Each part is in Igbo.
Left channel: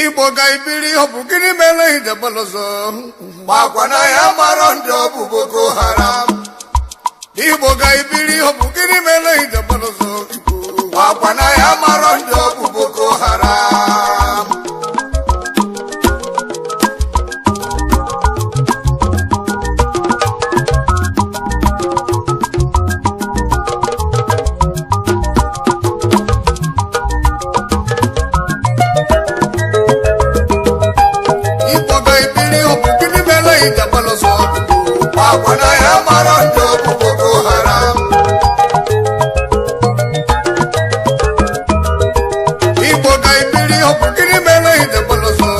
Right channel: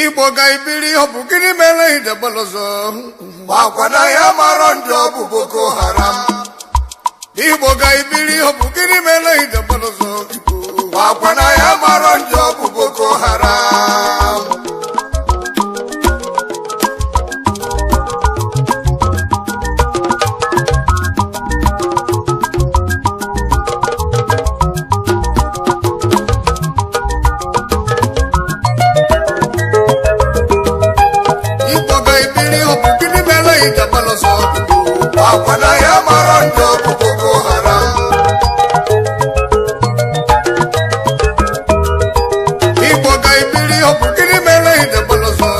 Igbo ga-ibiri ọ bụ gịnị mere idebalozo makwana ya mara ndị ọ bụ Boko Haram. Igbo ga-ibiri ọ bụ gịnị mere idebalozo makwana ya mara ndị ọ bụ Boko Haram. Igbo ga-ibiri ọ bụ gịnị mere idebalozo makwana ya mara ndị ọ bụ Boko Haram. Igbo ga-ibiri ọ bụ gịnị mere idebalozo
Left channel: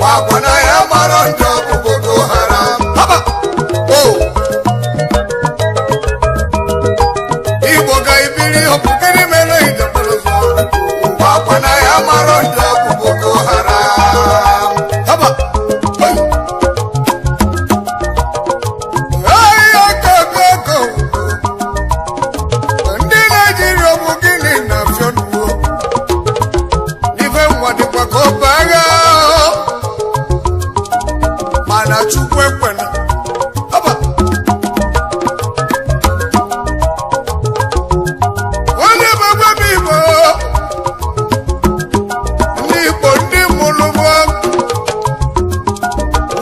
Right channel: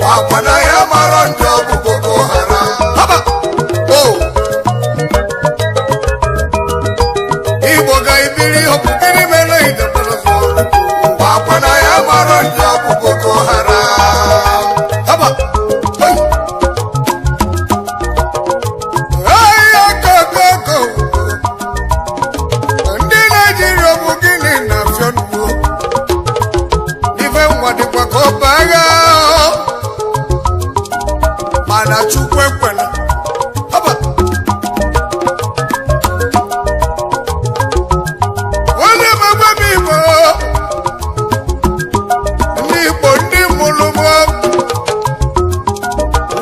makwana ya mara ndị ọ bụ Boko Haram. haba o Igbo ga-ibiri ọ bụ gịnị mere idebalozo makwana ya mara ndị ọ bụ Boko Haram. haba ndị Naijiria bụ gịnị na-afịọ nnukwu n'ife nwa dịkwa ka ọ bụ agha mana Chukwu ekwela haba onye megbe m Igbo ndị mụrụ m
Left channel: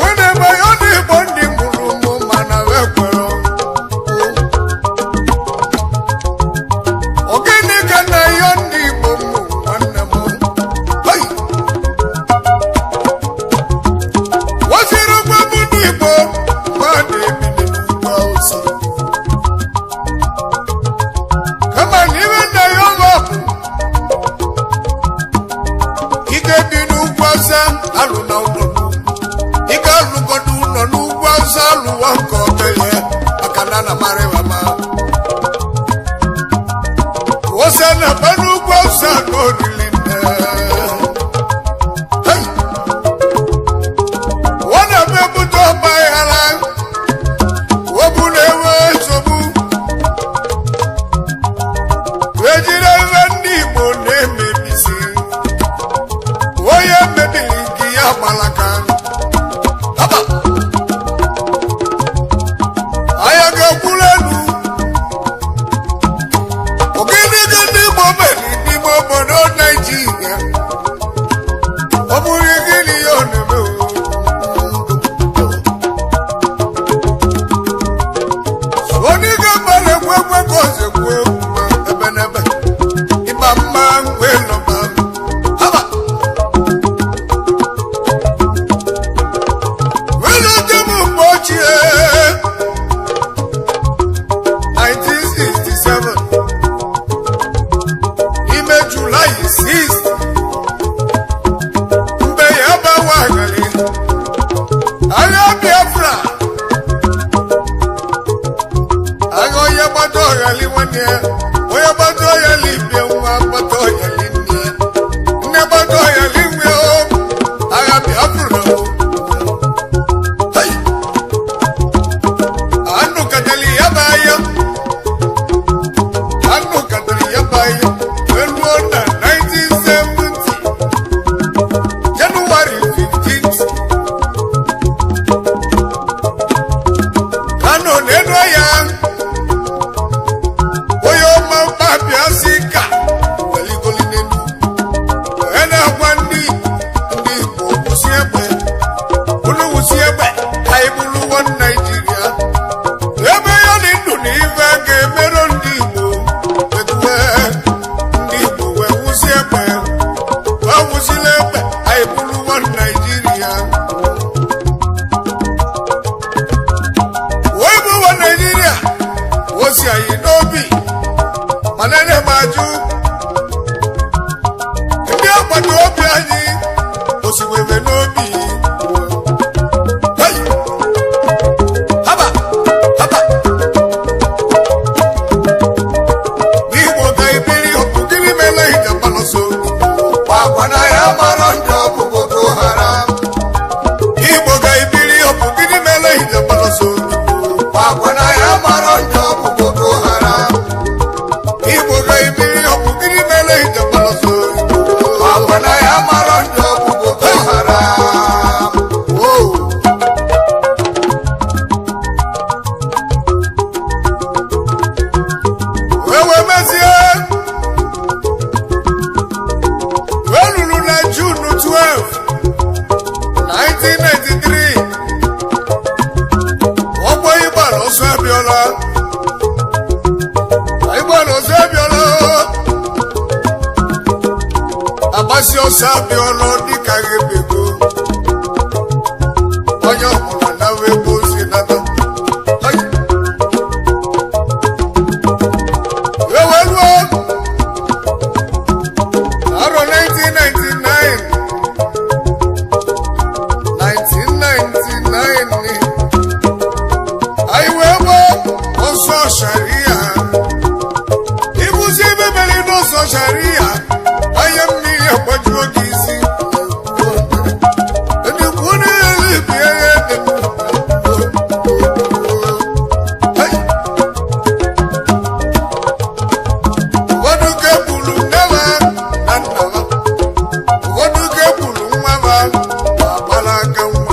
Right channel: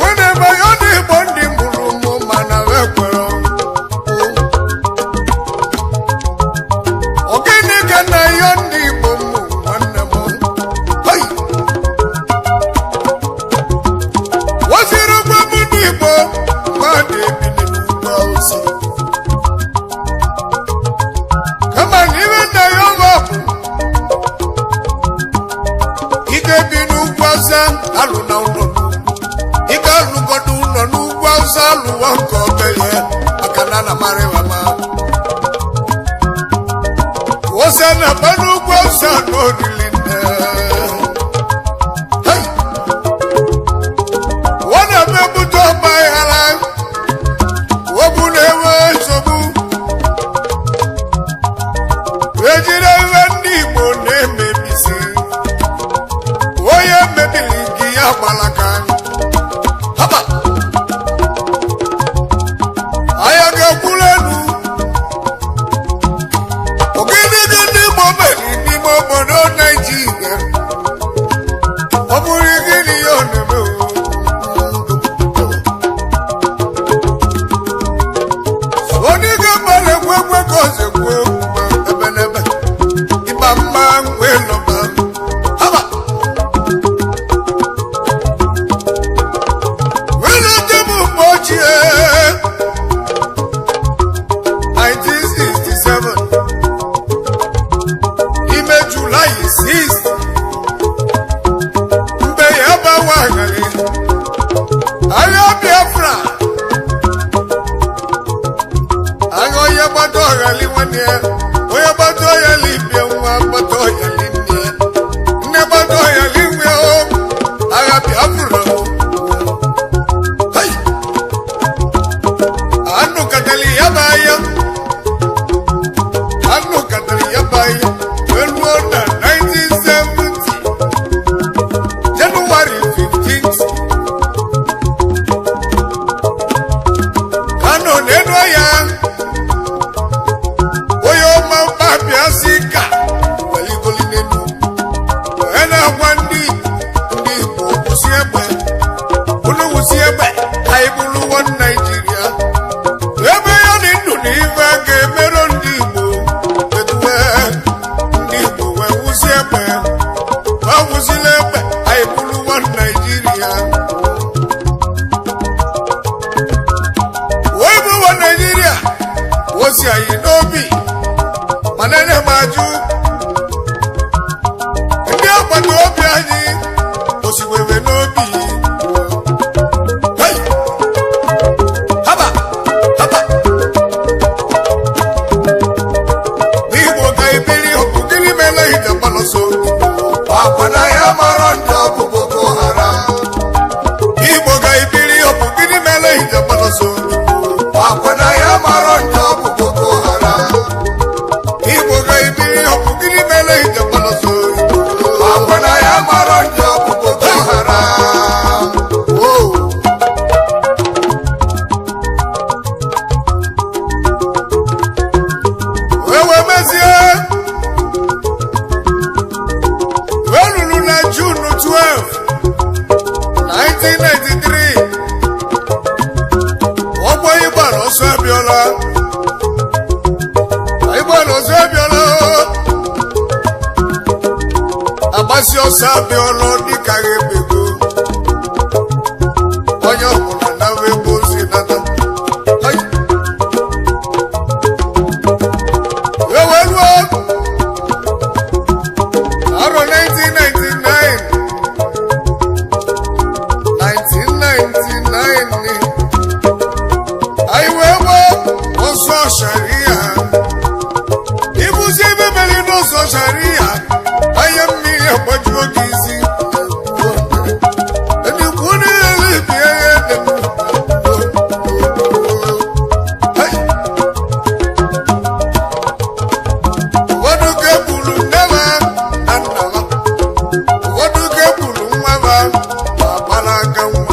onye meghe ndị Igbo ndị mụrụ m mana ekwere ogene ka na ya ndị Igbo m nwanne m hei waziri ụgwọ m ndị Igbo mmadụ ebili n'ugwu Awụsa kama na ibe nna ya ọgọ bụ ị ga-ebi n'ugwu Awụsa alụ na ụlọ ị ga-alụgodo ụlọ n'ugwu Awụsa alụwa nke obele maka na na marịwama ose na mmanụ ugwu Awụsa n'orili nne hei ọ na-eme ebute ọgba aghara obu na-enwe nsogbu ejiri ihe ndị Igbo na-emebisi onye mebiri gị ya gbalaka haba anya ga-ekwuru elu ogene gị ndị Igbo meri n'ime obodo Naijiria ọ bụrụ gịnị ya ọ na-eme onye ga-agbalị ekwe ekwe ka ozekwu ebe n'ebe ịba mma wee lọba haba wee lọta m mgbe ochie 1967 ime Julaị 6 mgbe ya gbawagharị agha Biafra agha onye gbata ọghali nwanne ya onye gbata ọghali bie nwa gbata ọghali nne ya nne gbata ọghali nwe o agha Biafra o hei anụ katali ya bụ anya anụ katali ya bụ anya wee ruo na 1970 Jenụwarị 15th Kano na-enu ya onye ọma mkpabịa si ka weligoli n'elu onye na-agwa ndị Igbo kwụsị egbe unu wụsị egbe anyị bụrụ nwa Naijiria ebe ya dị ndụ na ife a ga-emerụ ndị Igbo etuwe ndị Igbo wee wụsị egbe wee wụsịla egbe anyị bụrụ nwa Naijiria wee bụ nwa Naijiria osi anyị n'obi mana na m ajụ ndị agbata obi anyị osiwebe n'obi hei haba haba n'Igbo ga-ebiri ọ bụ gịnị mere idebalozo makwana ya mara ndị ọ bụ Boko Haram. Igbo ga-ebiri ọ bụ gịnị mere idebalozo makwana ya mara ndị ọ bụ Boko Haram. Igbo ga-ebiri ọ ọlọ dịka ebego onye ọbụla nawa ebe ozi nata eweruo arọ 1999 anyị wee gbaa ọsọ sharia ibuzi ebe mere n'ọsọ sharia anya mmiri agbajuo gị isi edikwu n'elu bie ya ede ụfọdụ ka egburu nne ha na nna ha ụfọdụ ka egburu nwa ha ma gbara aka nwa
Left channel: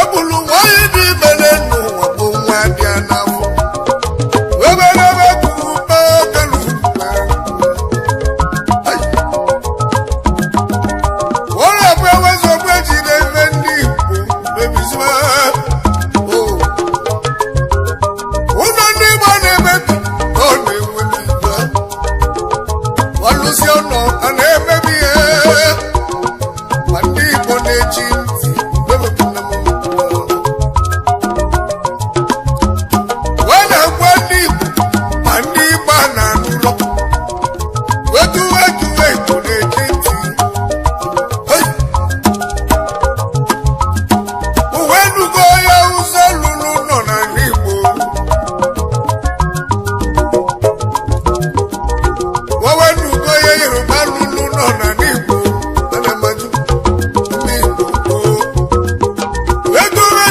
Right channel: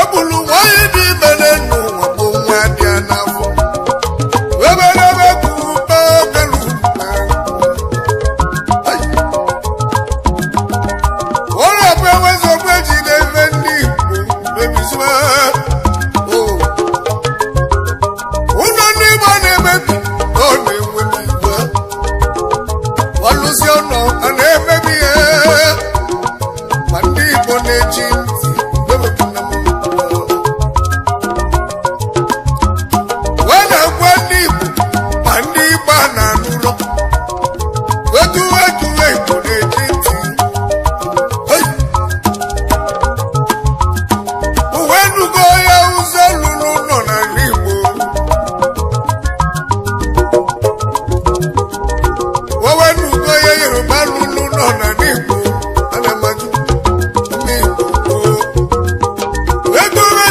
egburu nwanyị dị ime n'ụwa bụ nwa dị ya n'afọ weberebe kwuru kpakelu ọrụ bụ ewezogbu ejide ebe ndị Igbo mebizima ụlọ ndị Igbo na-emebi na ọ na-enwe n'igwe ọlụsi ọnọ a na-emebi ihe ma ndị Igbo na-eji ntị bebepụna m wee na-agwa ndị Igbo ma ndị Igbo a na-anụrọ wetuwe Igbo na-eji ntị uwe nugo ya ụzọ lụrụ nọ n'ala Igbo wewe nugo ya Yoruba lụrụ nọ n'ala Igbo ana maju ndị Igbo wetuwe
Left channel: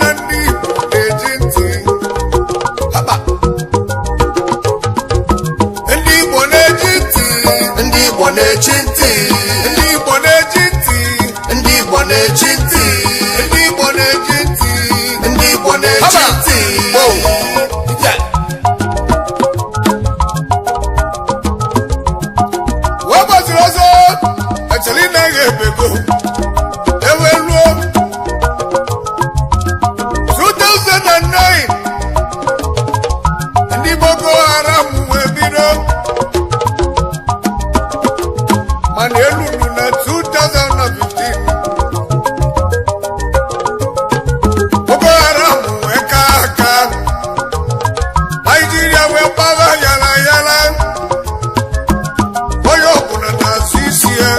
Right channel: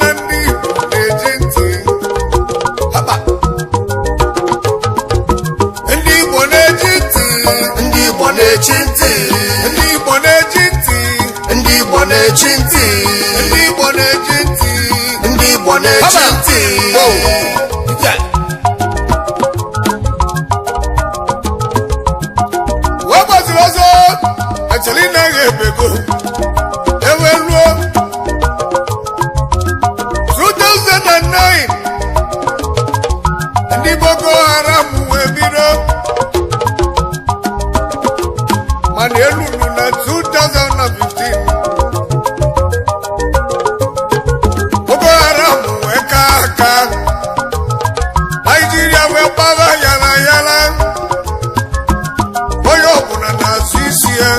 na ndị Igbo na-eji ntị haba ndị Igbo na-eji ntị ndị Igbo na-eji ntị ndị Igbo na-eji ntị ndị Igbo na-eji ntị ndị Igbo na-eji ntị ndị Igbo na-eji haba ntị wow yeah. wee gbaziri ọzọ echeli naghị ebego eweruo 2009 ndị Boko Haram wee bido mana eluru na 2015 Boko Haram wee ka aka Nigeria wee gbara yala yala onye ọbụla na-azụ isi ya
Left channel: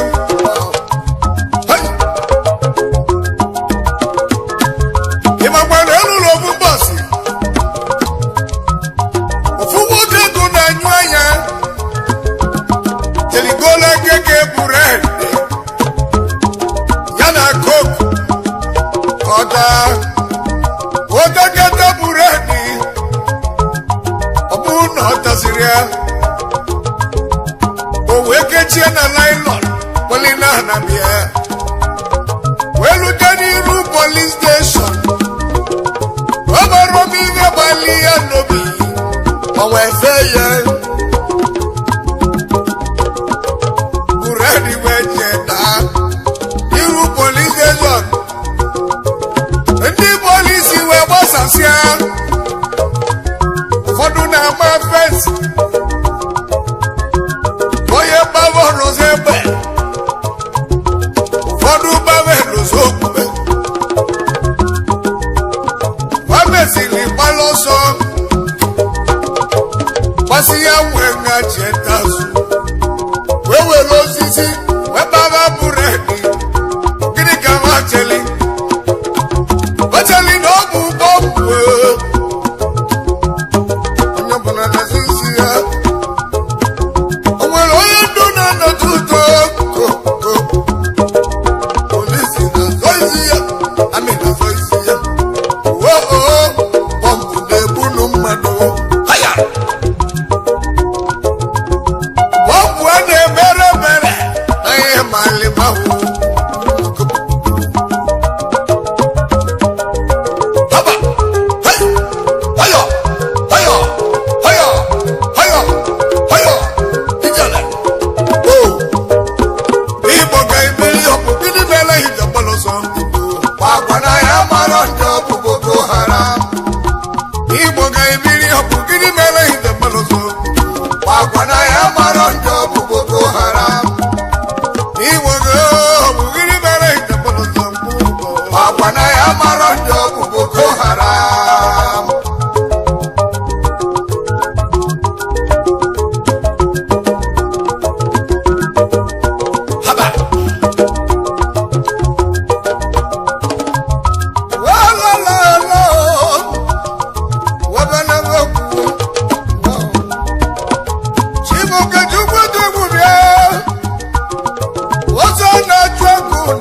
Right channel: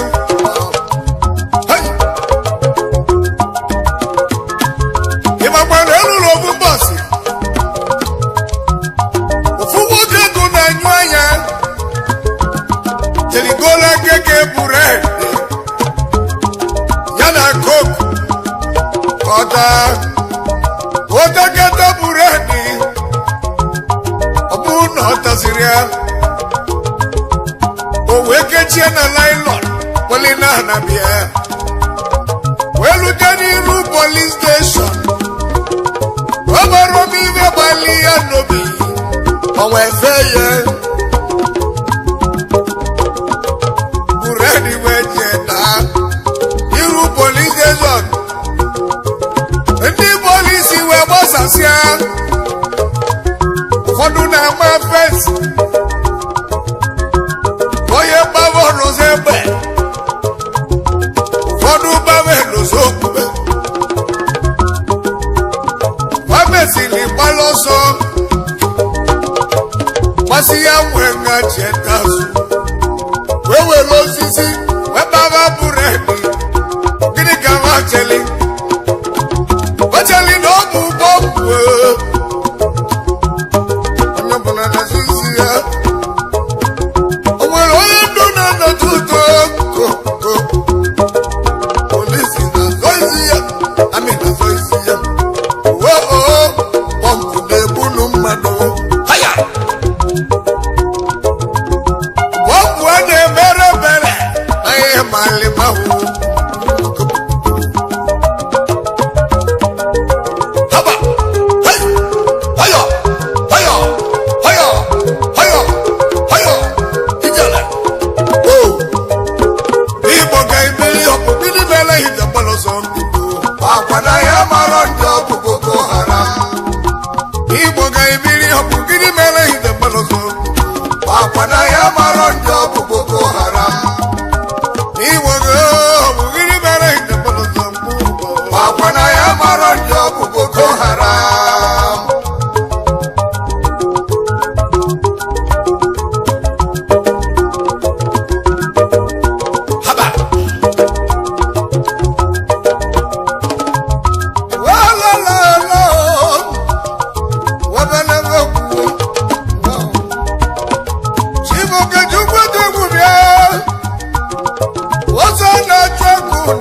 ịmakwa na elụlọ ofu mbọsị ofu nwoke ego na-anyụ anya jerigola keke bured ya na koku ọtakata buredi ọ bụrụ na ọ tasiri ya o wee kechie na naịlọn polina na bịa wee lute n'iru polis steshọn ọ gbara m ihe gbali ya n'obi o wee fee ya buredi wee jee daa n'iru polis steshọn ndị polisi wee gbasasịa ụfọdụ na-ama fensi onye gbava ọrụzọ egbe ụfọdụ gbava elozo okpukpe ha mesiri gbalụ ọsọ gbasi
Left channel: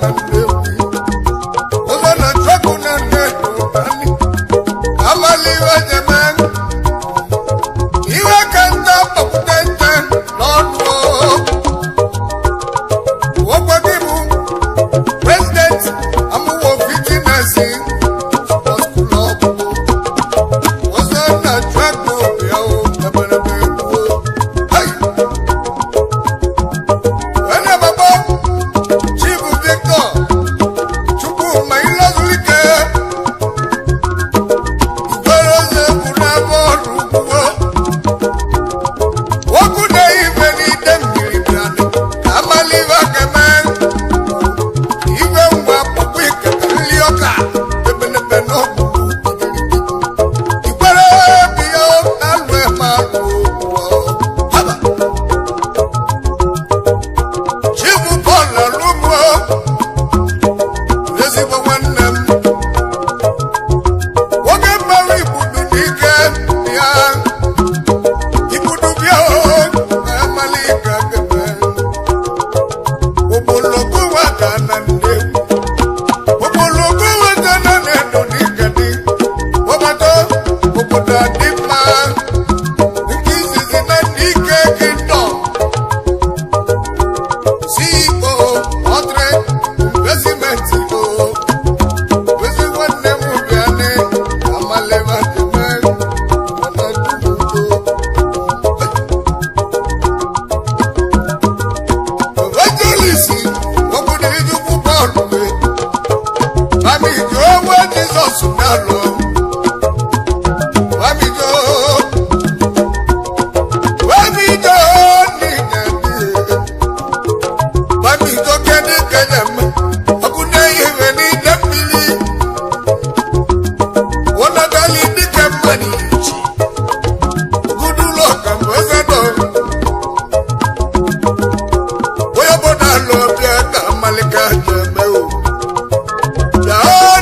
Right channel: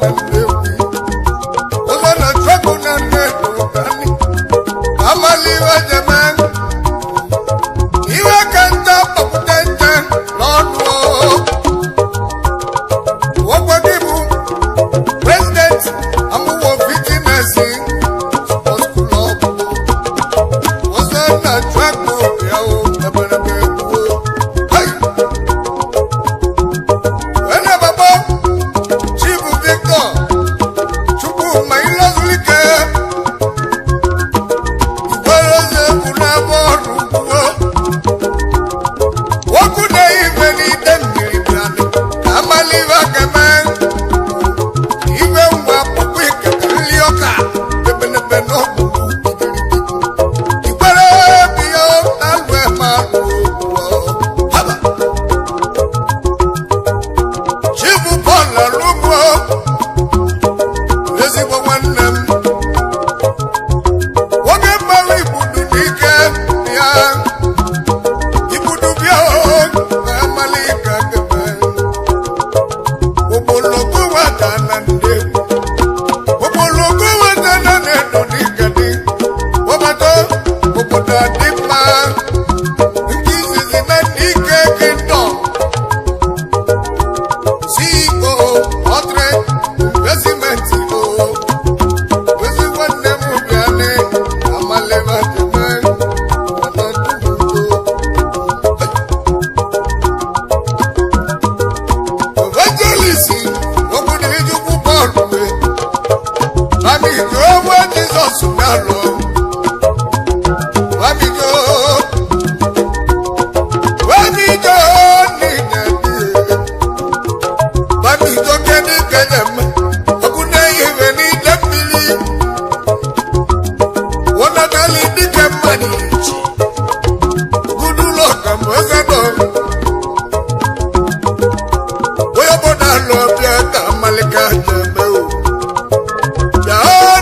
na Nnewi ụzọ na chọkụ na nnedo nani amaliwe jeme iwe ka nta kpọpụta nta n'ọnụ ogwe gị bụ president amụwo fitinesi sports club ụzọ na chọkụ bịa o eberebe egbuo wene babo Chief Victor Chukwuma Ilozulike Igweroze Bunabọọlụ ugbuo okwu na-ife n'ide mmiri bịanụ ka amalive keme iwe ngwa kpụkpụ ikeke nli ọka ebenebe n'ọgbụgbụ igbere biya alụ eme alụ okwu haba Chief Paul Alugbo ezigbo nwanne m nwoke mmanwụ ibudu n'ike bịa ibudu bịa na amali ka geme ogbologo nwata na Nnewi ogbologo nwata na Nnedo n'ike dị obodo obodo adị mma nke izizi na n'ike kingdom CEO Odre Investment ozi nwanne m bịanị amaleva jeme anadudo evangelist obodo ijukwu bọọlụ bamijo onwe Jizọs na-alụ bamijo niile bamijo kedu kenyem ọkụ na-ehiwe n'ide mmiri wọnagali dike mmadụ ichi gudulo kambozado onye obodo alụ ọbịa ka amalika jeme o ya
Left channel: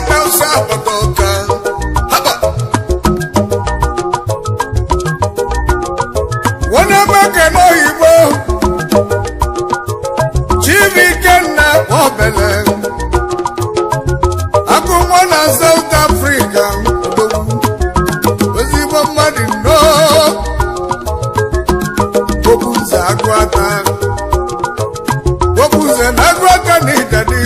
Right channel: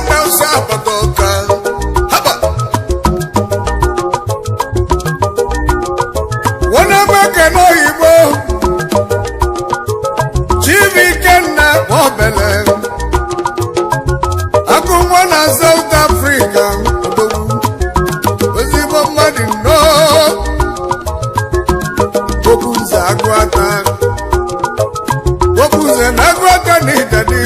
na ụsa agbata ọka haba wọnamaka n'oyibo Chivikenna Obele agụnwa na South Africa ozigbo mmadụ nọ Obuze Agụata Obuze na Agụata na Idadi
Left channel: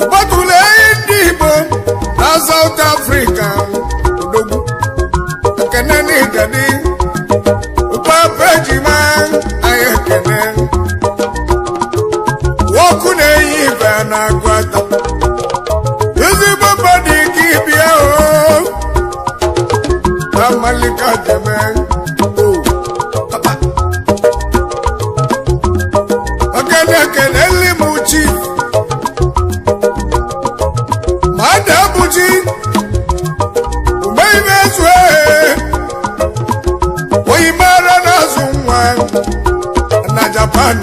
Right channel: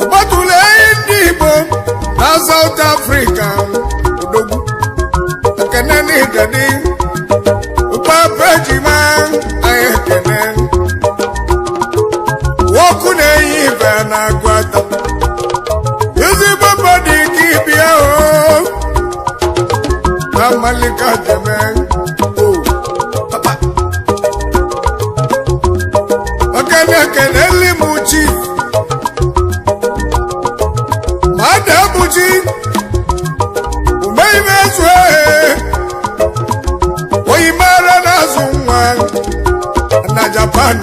ọgbatụla ndị Igbo na South Africa odogwu ekene na Idadi Papa Ejima anyị ekene nwoku na-eyi ibe na Agụata ezigbo mmadụ ike ịbịa o na mmalika jeme papa okene ekene nli m Chief mmadụ abụji ume ime zue oyimara n'azụ nwa na Japan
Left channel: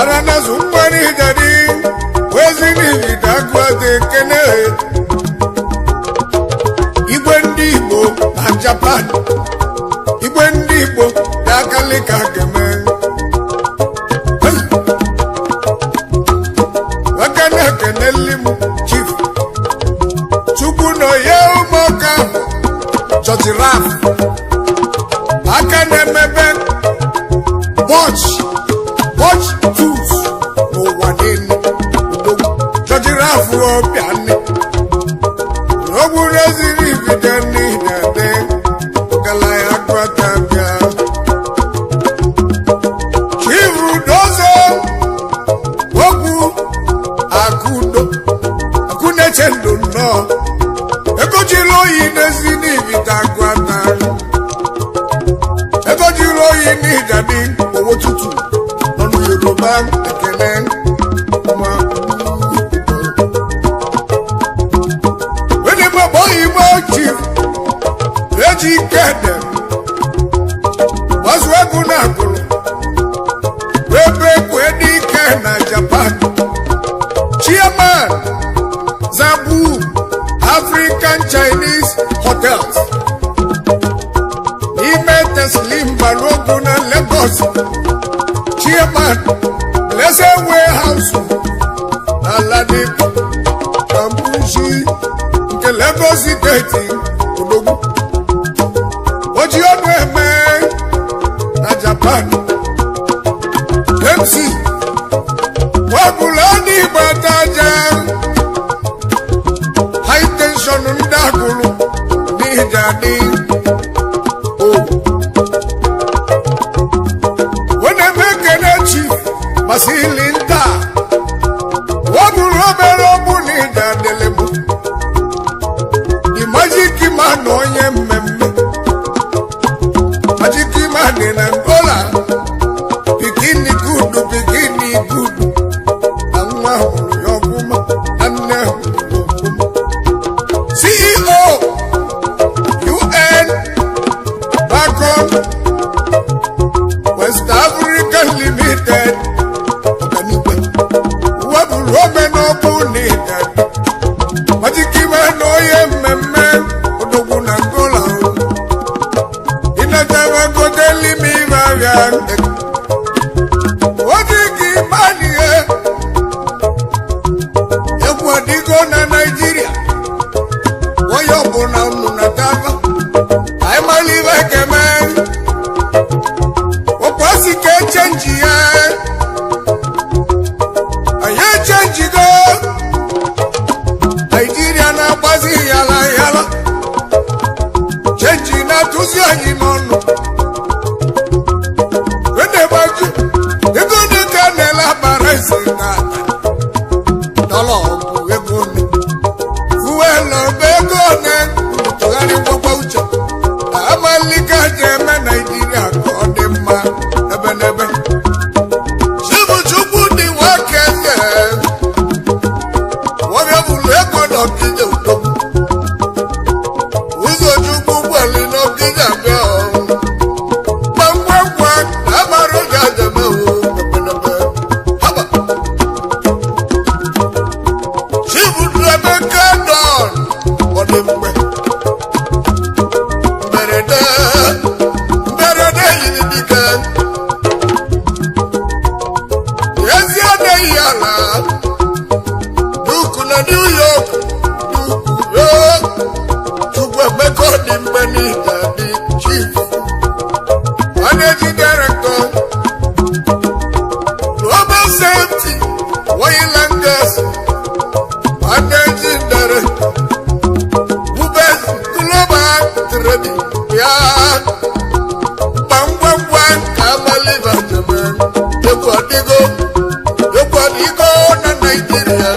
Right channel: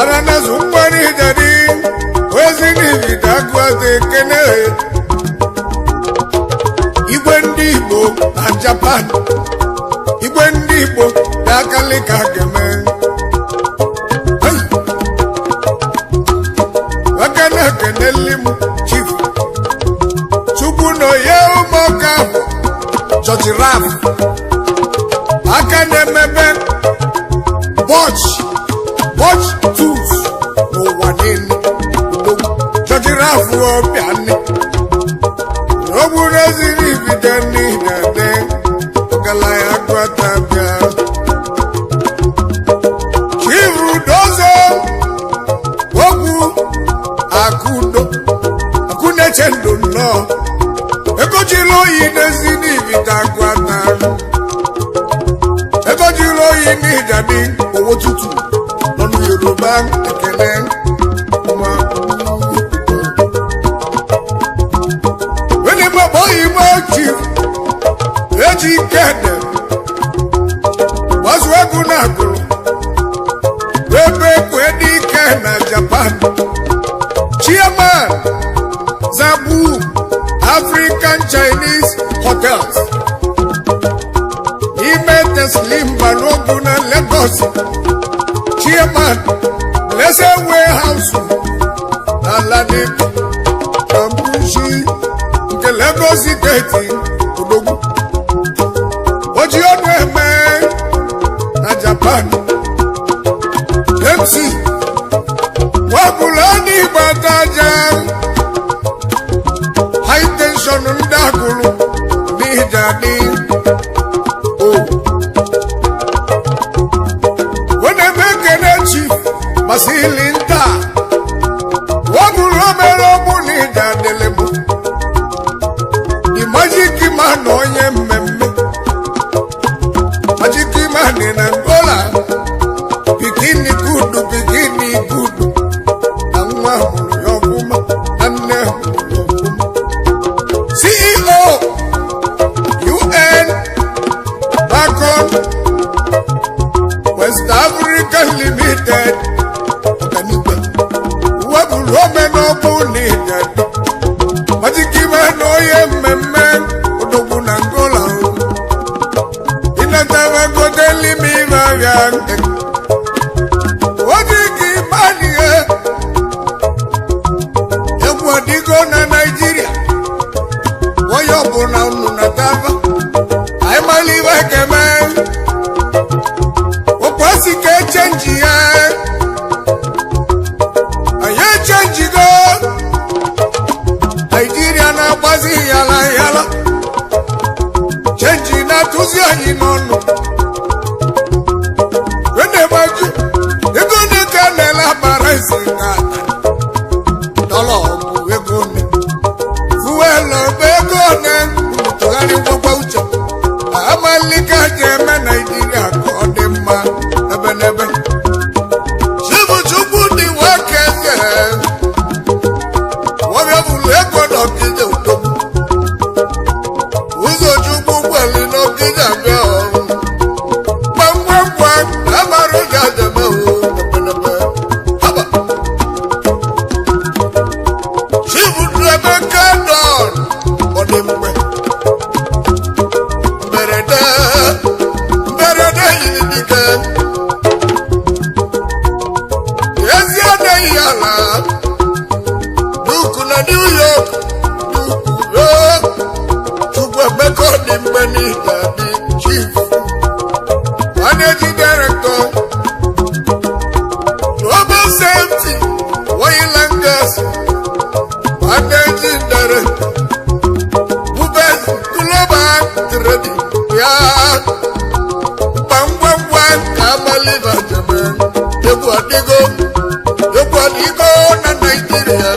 ara n'azụ nwa n'Idadi wezi n'Ivida Agụata ekene igwe ndị Igbo na Japan igwe ndị Igbo dị akalika geme wakana ekene limu Chief Chukwu no ye ụmụọka ahụ Chọchị Raf aka na-emebe Bọch Tools n'ụwa niile Chọchị Raf ọbịanị ogburu eziri Ivide n'Idade ọgaranya Agụata bịa Chief Udozo ogwu Akụneche ndụ nnọọ egojiri oyi n'ezi n'Ivide Agụata egojiri oyi n'Idadi owo tutu nọ n'Yoruba ekele nwa wene gbagbo Igbo Chief Ejikede gbazu egwu na agụrụ ebe kwedike na Japan Chairman Zabu African Chinese Hotels n'ime Teslim Balogun na Lagos chairman Blessed Warehouse na Ladipo Kambushi nke Lagos State Odogwu Oji ọnụ eme na Japan MC Wabulani Bataja High tension ndagulu Nijani Oh When I make an chief Masilinda Wabulomero Bunija Delemo The magic man on your meme Magic man in Angola Bikini good, bikini good CEO UN Bacon West Africa Limited Wabulomeno Bunija Majikimano Yememe Odogunangola Inatava Godeli Mivayan Wajikimani Wadigo na Nigeria Woyobo na ununatava I'm a live kemen Okwasi ke change ya Aye change go Nigeria na bazi yala yala Change na tuzi ayinono Wende baju Ego de kanela baraisi ngata Dolo Egone, Fuelo Begone, Togani Wabaucha, Amalika Jema Nigeria, Kodema, Ebenebe. Shibu Chubu di Wakese, Wabiabu Leko no Kija Utobu, Uzo Chubu Wali no Kija Beo, Bangwangwa, Amaro Jajame, Ebenebe, Haba. Berede yidike Yeziade yala Duku na New York Duku yo Chukwe meko di mbeni Daddy Chief Managing Director Global Safety Oil and Gas Managing Director Ubez Global Trading Ya Bangwangwan Kamali Vajaman Yebu adigo na Nigeria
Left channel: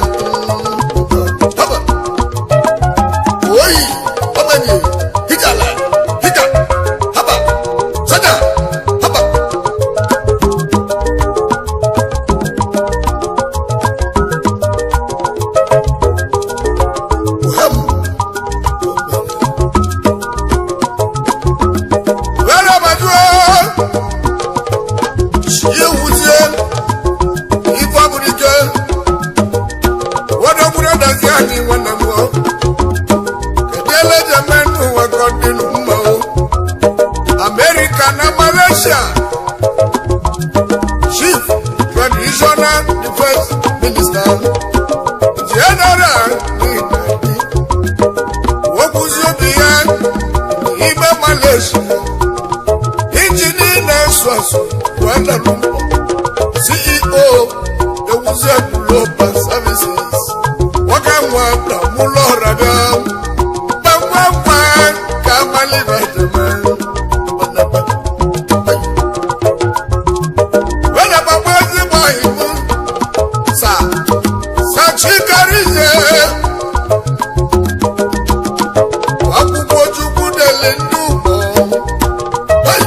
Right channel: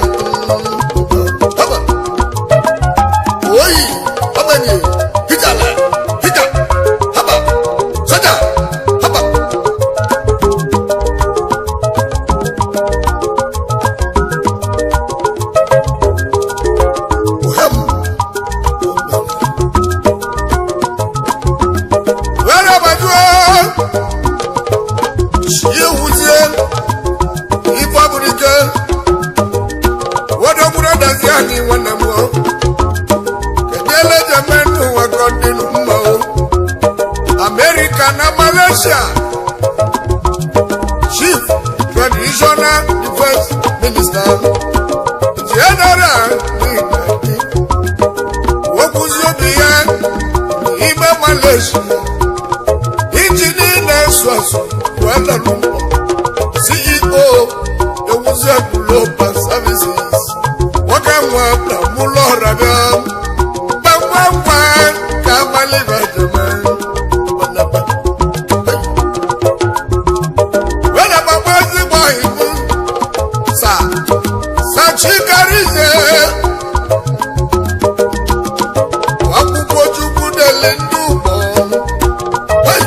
Haba Oi Haba ni Hijala Hija Haba Saja Haba America na Malaysia Chief Traditional Defense Minister General Wokuziobiya Ibe Malaysia Engineer Swasu Kuala Lumpur CEO Ewuze Global Services Wakamwa Mulo Rabia Bangwangwa Kamali Vajaman Chikarize Wakupo chuku dele ndubo Hey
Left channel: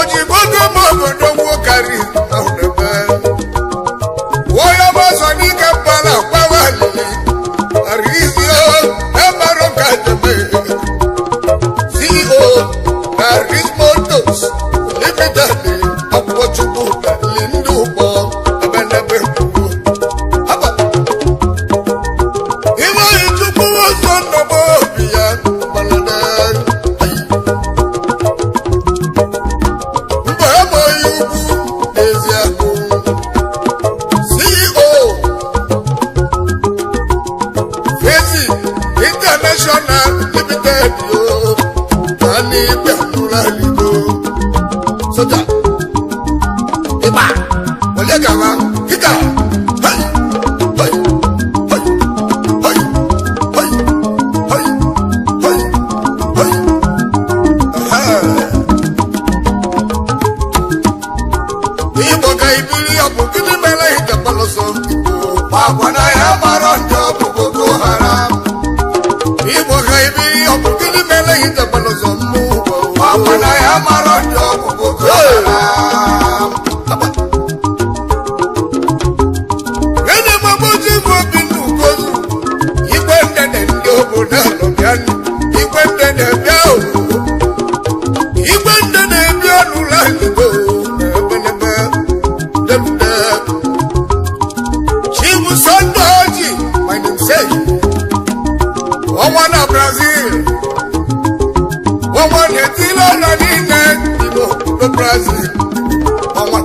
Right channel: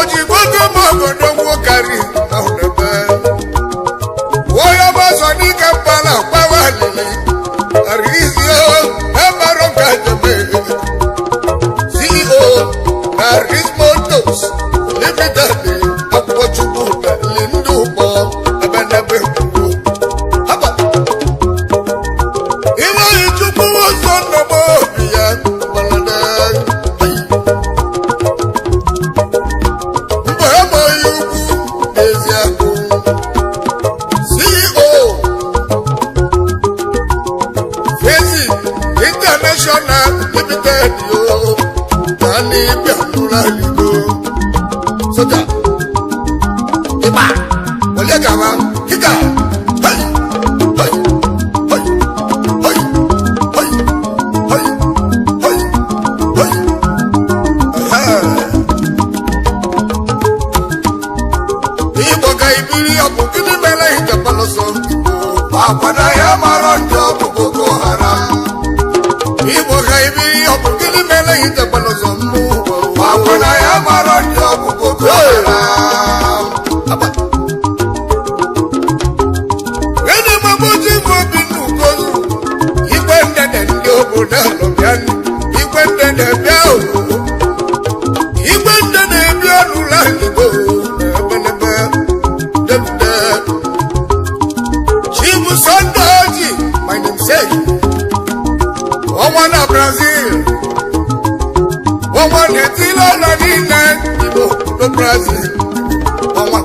Ojibote mogodo mwokari Aunebe Woya baso ni kampala Pawalili Arizio Emaro Kajame CEO Aris Motors Limited Wakupo chuku dele ndubo amaghị ugwu n'eziagụ CEO Fezi International Limited yo na n'igbe mụrụ aligo soja ịgba onye gawa kịka hey hey hey hey hey hey hey hey Igbo ga ibiri ọ bụ gịnị mere ije gbalọsọ agwa na ya mara ndị ọbụ Boko Haram. Igbo ga ibiri ọ bụ gịnị mere ije gbalọsọ mmụ agwa na ya mara ndị ọbụ Boko Haram. Gịnị maboji bụ obi n'ugozu igwe ndede ndị obodo alọbịanụ igwe ndede bịa obodo igwe ndede bịa n'ụlọ Igbo n'ebenebe delude Chibu Sunday Oji my namesake ọnwa na Brazil ọnwa na-etile ụlọ niile Igbo no Brazil ọnwa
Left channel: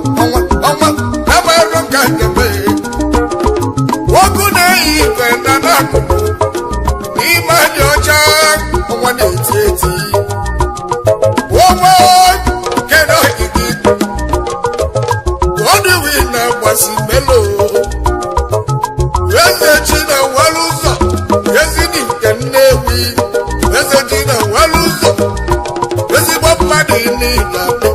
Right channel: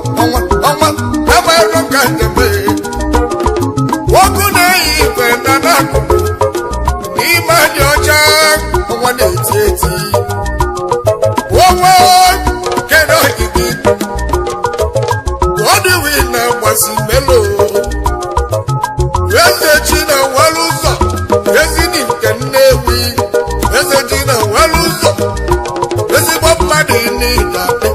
na-amarụ nka njebe nwoke na-eyi ife na n'akụkụ n'ime dị ọcha ọnwa na-eti eti ọnwa kere ogigi ọdịwi na-agbasi melo eze chi na nwere ụzọ ezidi nke Nnewi eze chi na nwere ụzọ ezigbo mmadụ n'ịdabe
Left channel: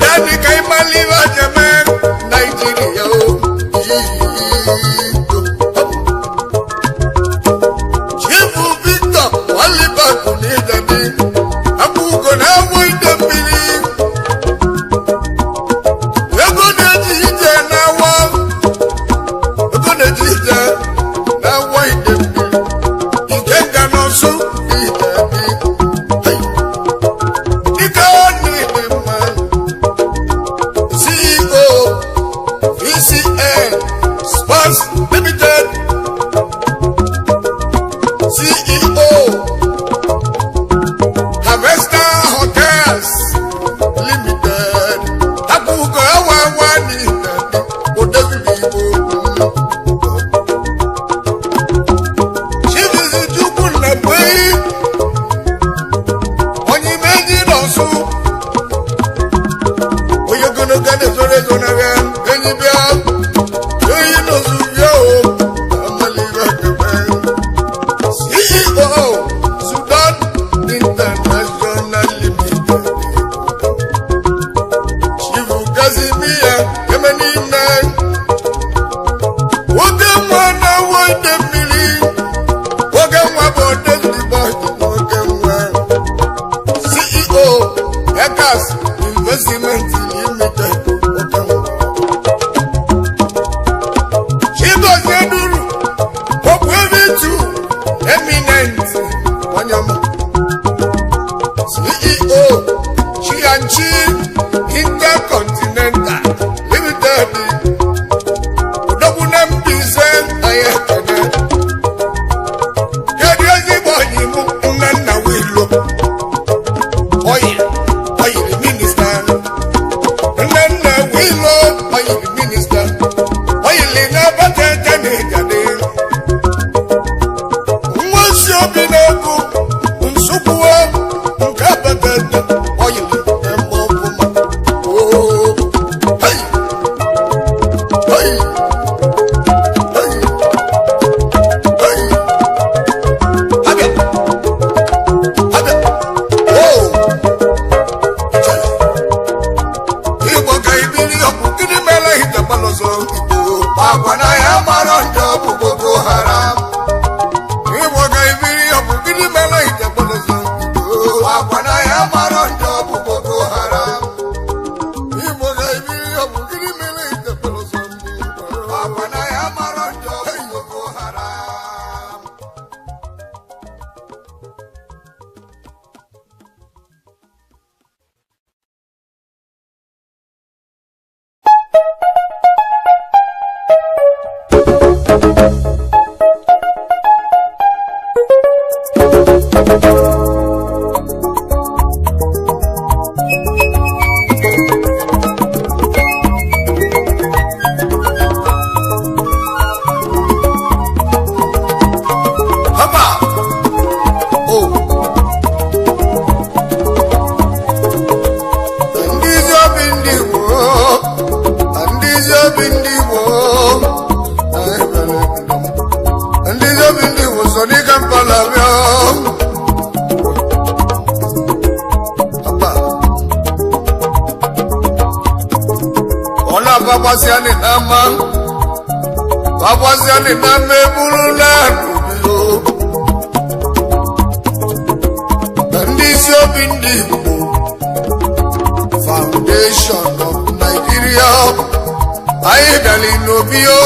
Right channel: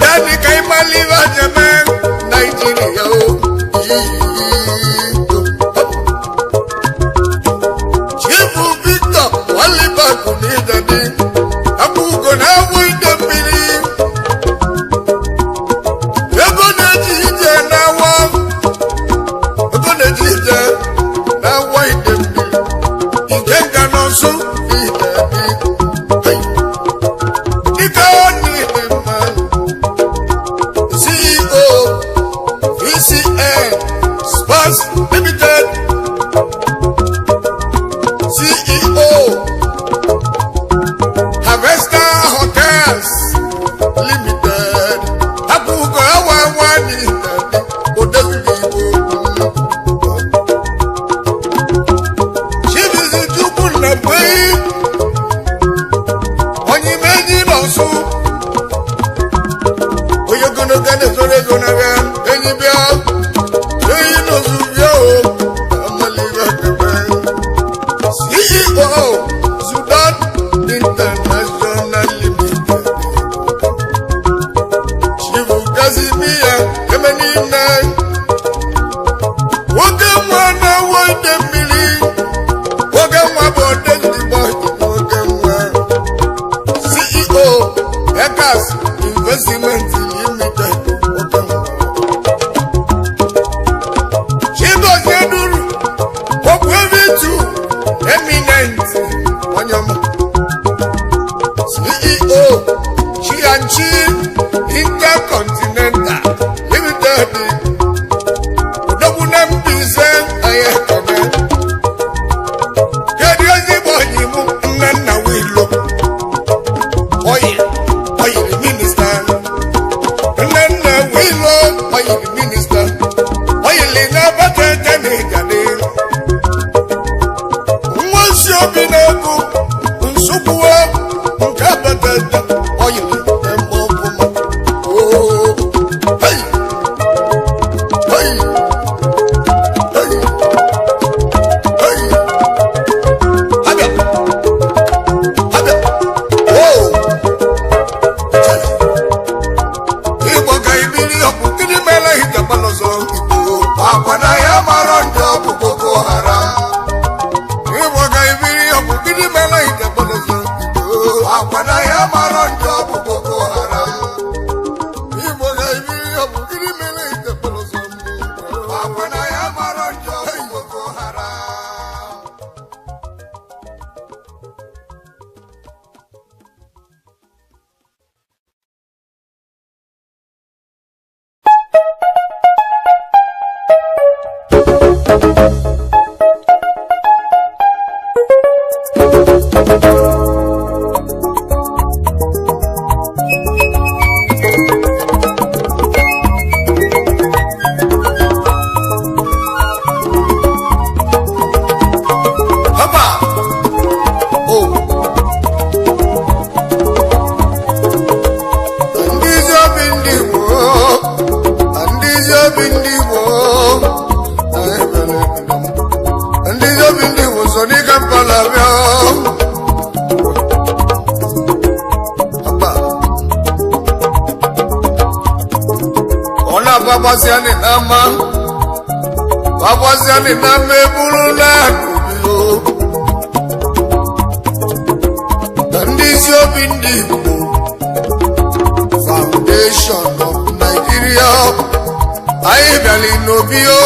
ya dịka ịmalive jeme Naijiria Chifu Victor Walibaku n'ịdadi akwụgo na-awụ ide mmiri ego na-eji ije na-awọ ide mmiri nke nga n'ọsọ n'ịdadi dịka ọ n'ịdị mma CEO VCN Sports Limited CEO Harvester Hotels Limited akwụkwọ awa n'ịdadi odeziri Igbo Chibizi Chukwu Nnabwe onye imenyi n'ọsụ onye ogologo na-ezoro ego n'agha enyi bịa onye n'ozu bịa amalive akebe CEO Sudan International Limited Chifu Kazimia Emenine nwoke nwa na-awụ ide mmiri nwoke nwa bụ odezigbo nwoke nwa CEO Ekas Investment Limited nwoke nwa Chigozie Duru Popu Evitu Eminent Wanyama CEO Chianchi Intercontinental Limited Odogwu na Mbaise Ayekene kedu ezigbo onyi mụ Nnenna Wilo Oil Minister Nnenna Wilo Oil Minister Oil na-abata n'ịgade nwansi obi na-ekwu nsogbuwa nke abata oil eme ọfụma babasiani nama ebulula n'obiyo ndị isi obi ndị Igbo Foundation of Nigeria anyị bịali n'obiyo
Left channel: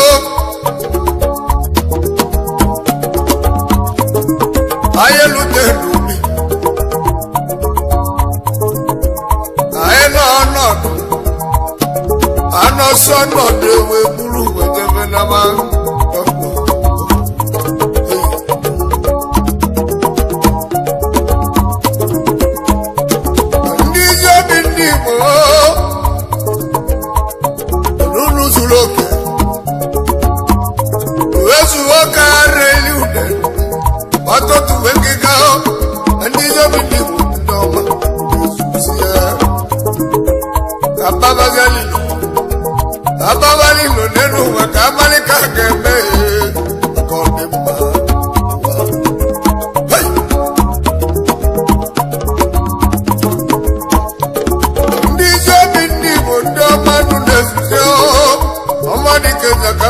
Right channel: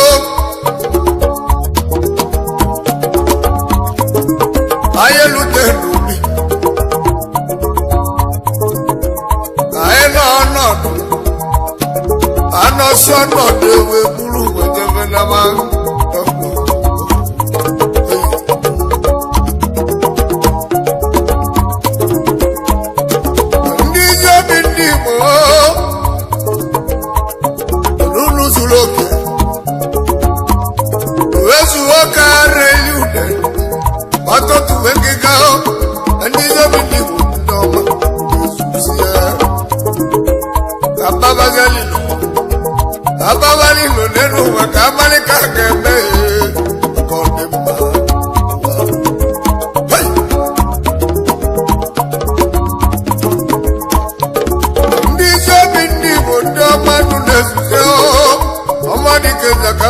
anyị elute n'obi anyị nọ ọnọdụ anọsọ ọnọdụ ewe buru wetebe na ma ndị isi obi ndị Igbo n'ụlọ zuru oke wezuo ka reli ude ọtụtụ wekega ndị isi obi ndị Igbo ndị ọma ezuzi ya ababalilo nenu ụwa ka abalị ka ga-eme ka ọ dị mma ndị isi obi ndị Igbo ndị ọmadụ na-ezuzi ọmadịkezaka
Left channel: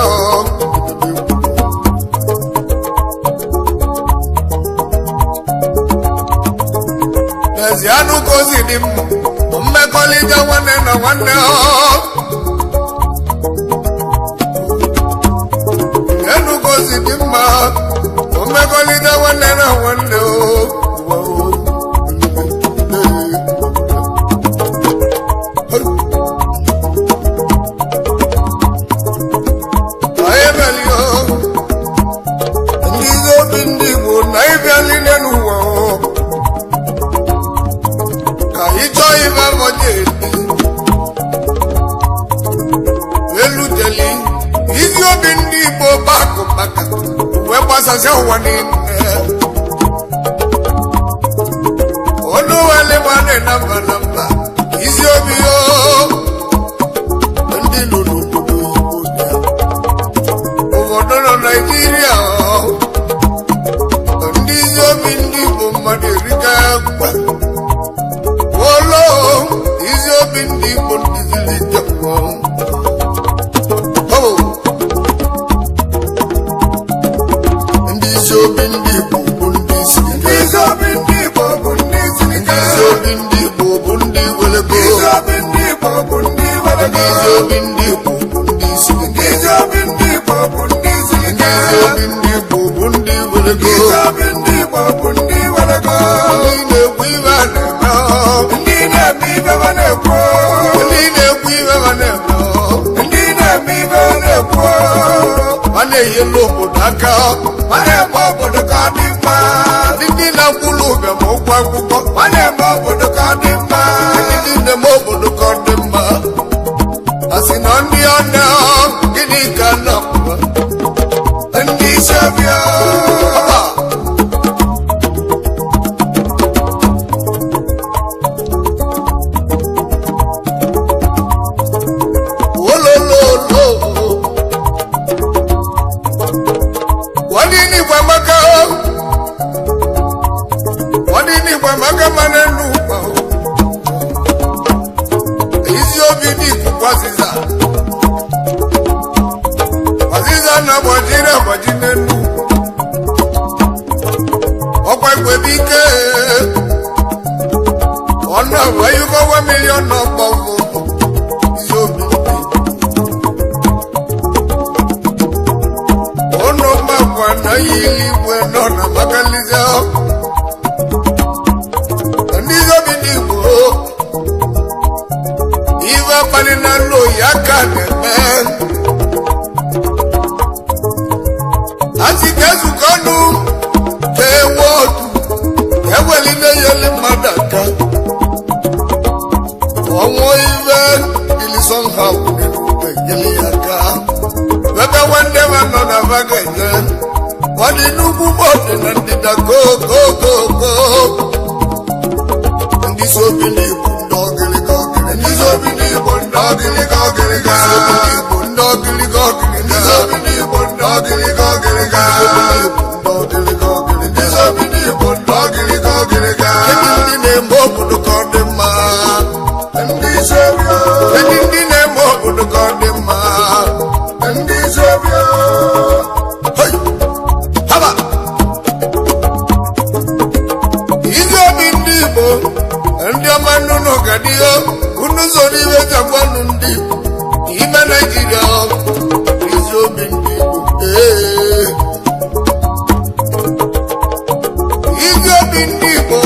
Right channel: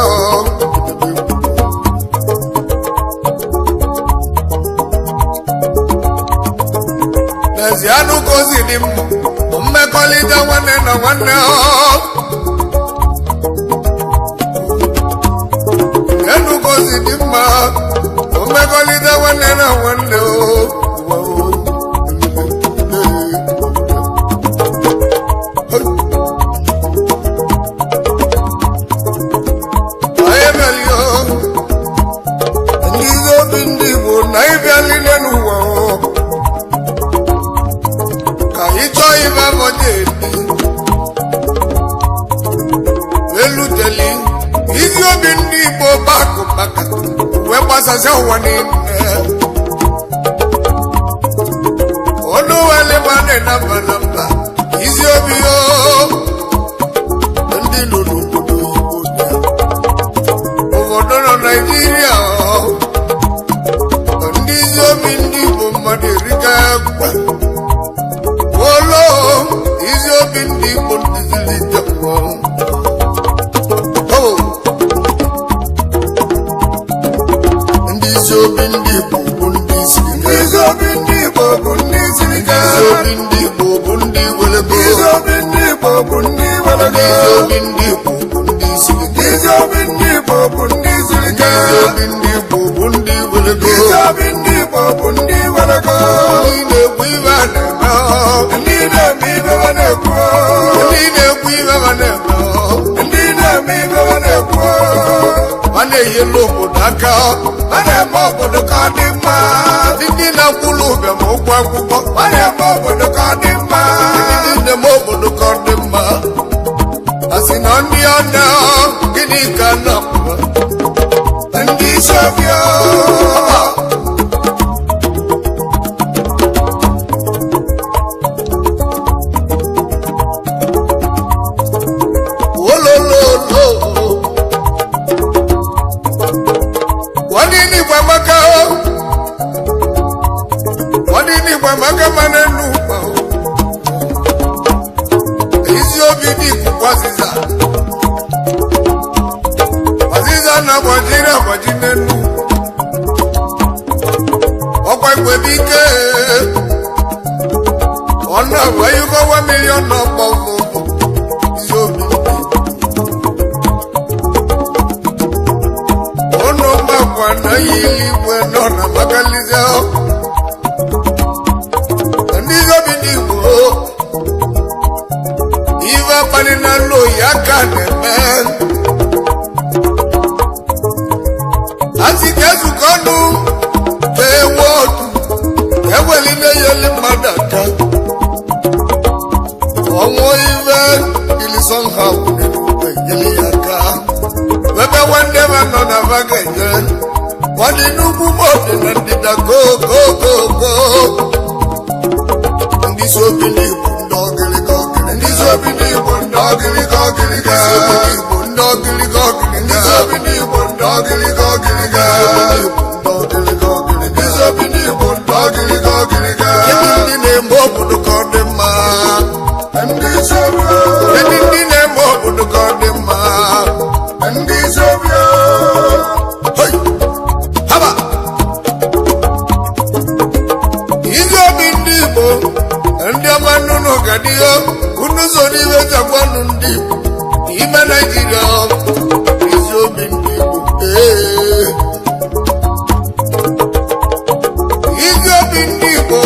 n'ezianụ ka ozi dị mma mmekọrịta nwanne na nwanne enugozi dị mma mmekọrịta nwanne na nwanne anyị emelio ndị obi ndị Igbo na ịbịali n'ụwa ka anyị chọọ ibe abọje eluteli isi obi ndị Igbo bakụ maka wee gbasasịa ụwa niile ọnụ wele gbane na mba na mba isi obi ndị nọ n'obodo Igbo obodo nọ Naịjirịa ndị isi obi ndị Igbo mmadụ erika gwa olo isi obi ndị Igbo ndị ziri jekwa ndị isi obi ndị Igbo bụ ndị siri ike ndị isi obi ndị Igbo bụ ndị welego ndị isi obi ndị Igbo bụ ndị siri ike ndị isi obi ndị Igbo bụ ndị welego ndị na-ekwu ibe a na-eme a na-enyela obodo aka ndị na-akwụrụ ụbịam ụgwọ akwụkwọ ndị na-eme obodo ka ọ dị mma a sị na ndị ọna gịnị ka na-apụwa ndị isi ọbịa maka mana n'ụkpa isi obi dị ikuku ọzịza na-agbajiri agbaji n'elu ọkwa igwebe ike ọ na-agbayugowa milion n'ọkpọ isi obi ụnụ mgbakwa na ya iligwe nọ na makalize ive akpali na nlo ya ka na-eme asị ka ezukọ ọnụ ewe otu ewelile yeli mmadụ aka ọnwụ ive ilison ha kwụrụ enyeli ya aka ebe nwanne m nọ na vagenye ọ dị n'ugwu bọdụ na ndịda gogogogo ndị isi obi n'Igbo ndị ọgịrịga ọgịrịga ndị isi obi n'Igbo ndị ọgịrịga ọgịrịga ndị isi obi n'Igbo ndị ọgịrịga ọgịrịga ndị isi obi n'Igbo ndị ọgịrịga ọgịrịga ndị isi obi n'Igbo ndị ọgịrịga ọgịrịga kedu ndị na-eme obodo ka ọ dị mma kedu ndị na-eme obodo ka ọ dị mma iwe jagwanụ ndị Igbo n'ime Naịjirịa ezi obi ndị Igbo ezi obi ndị Igbo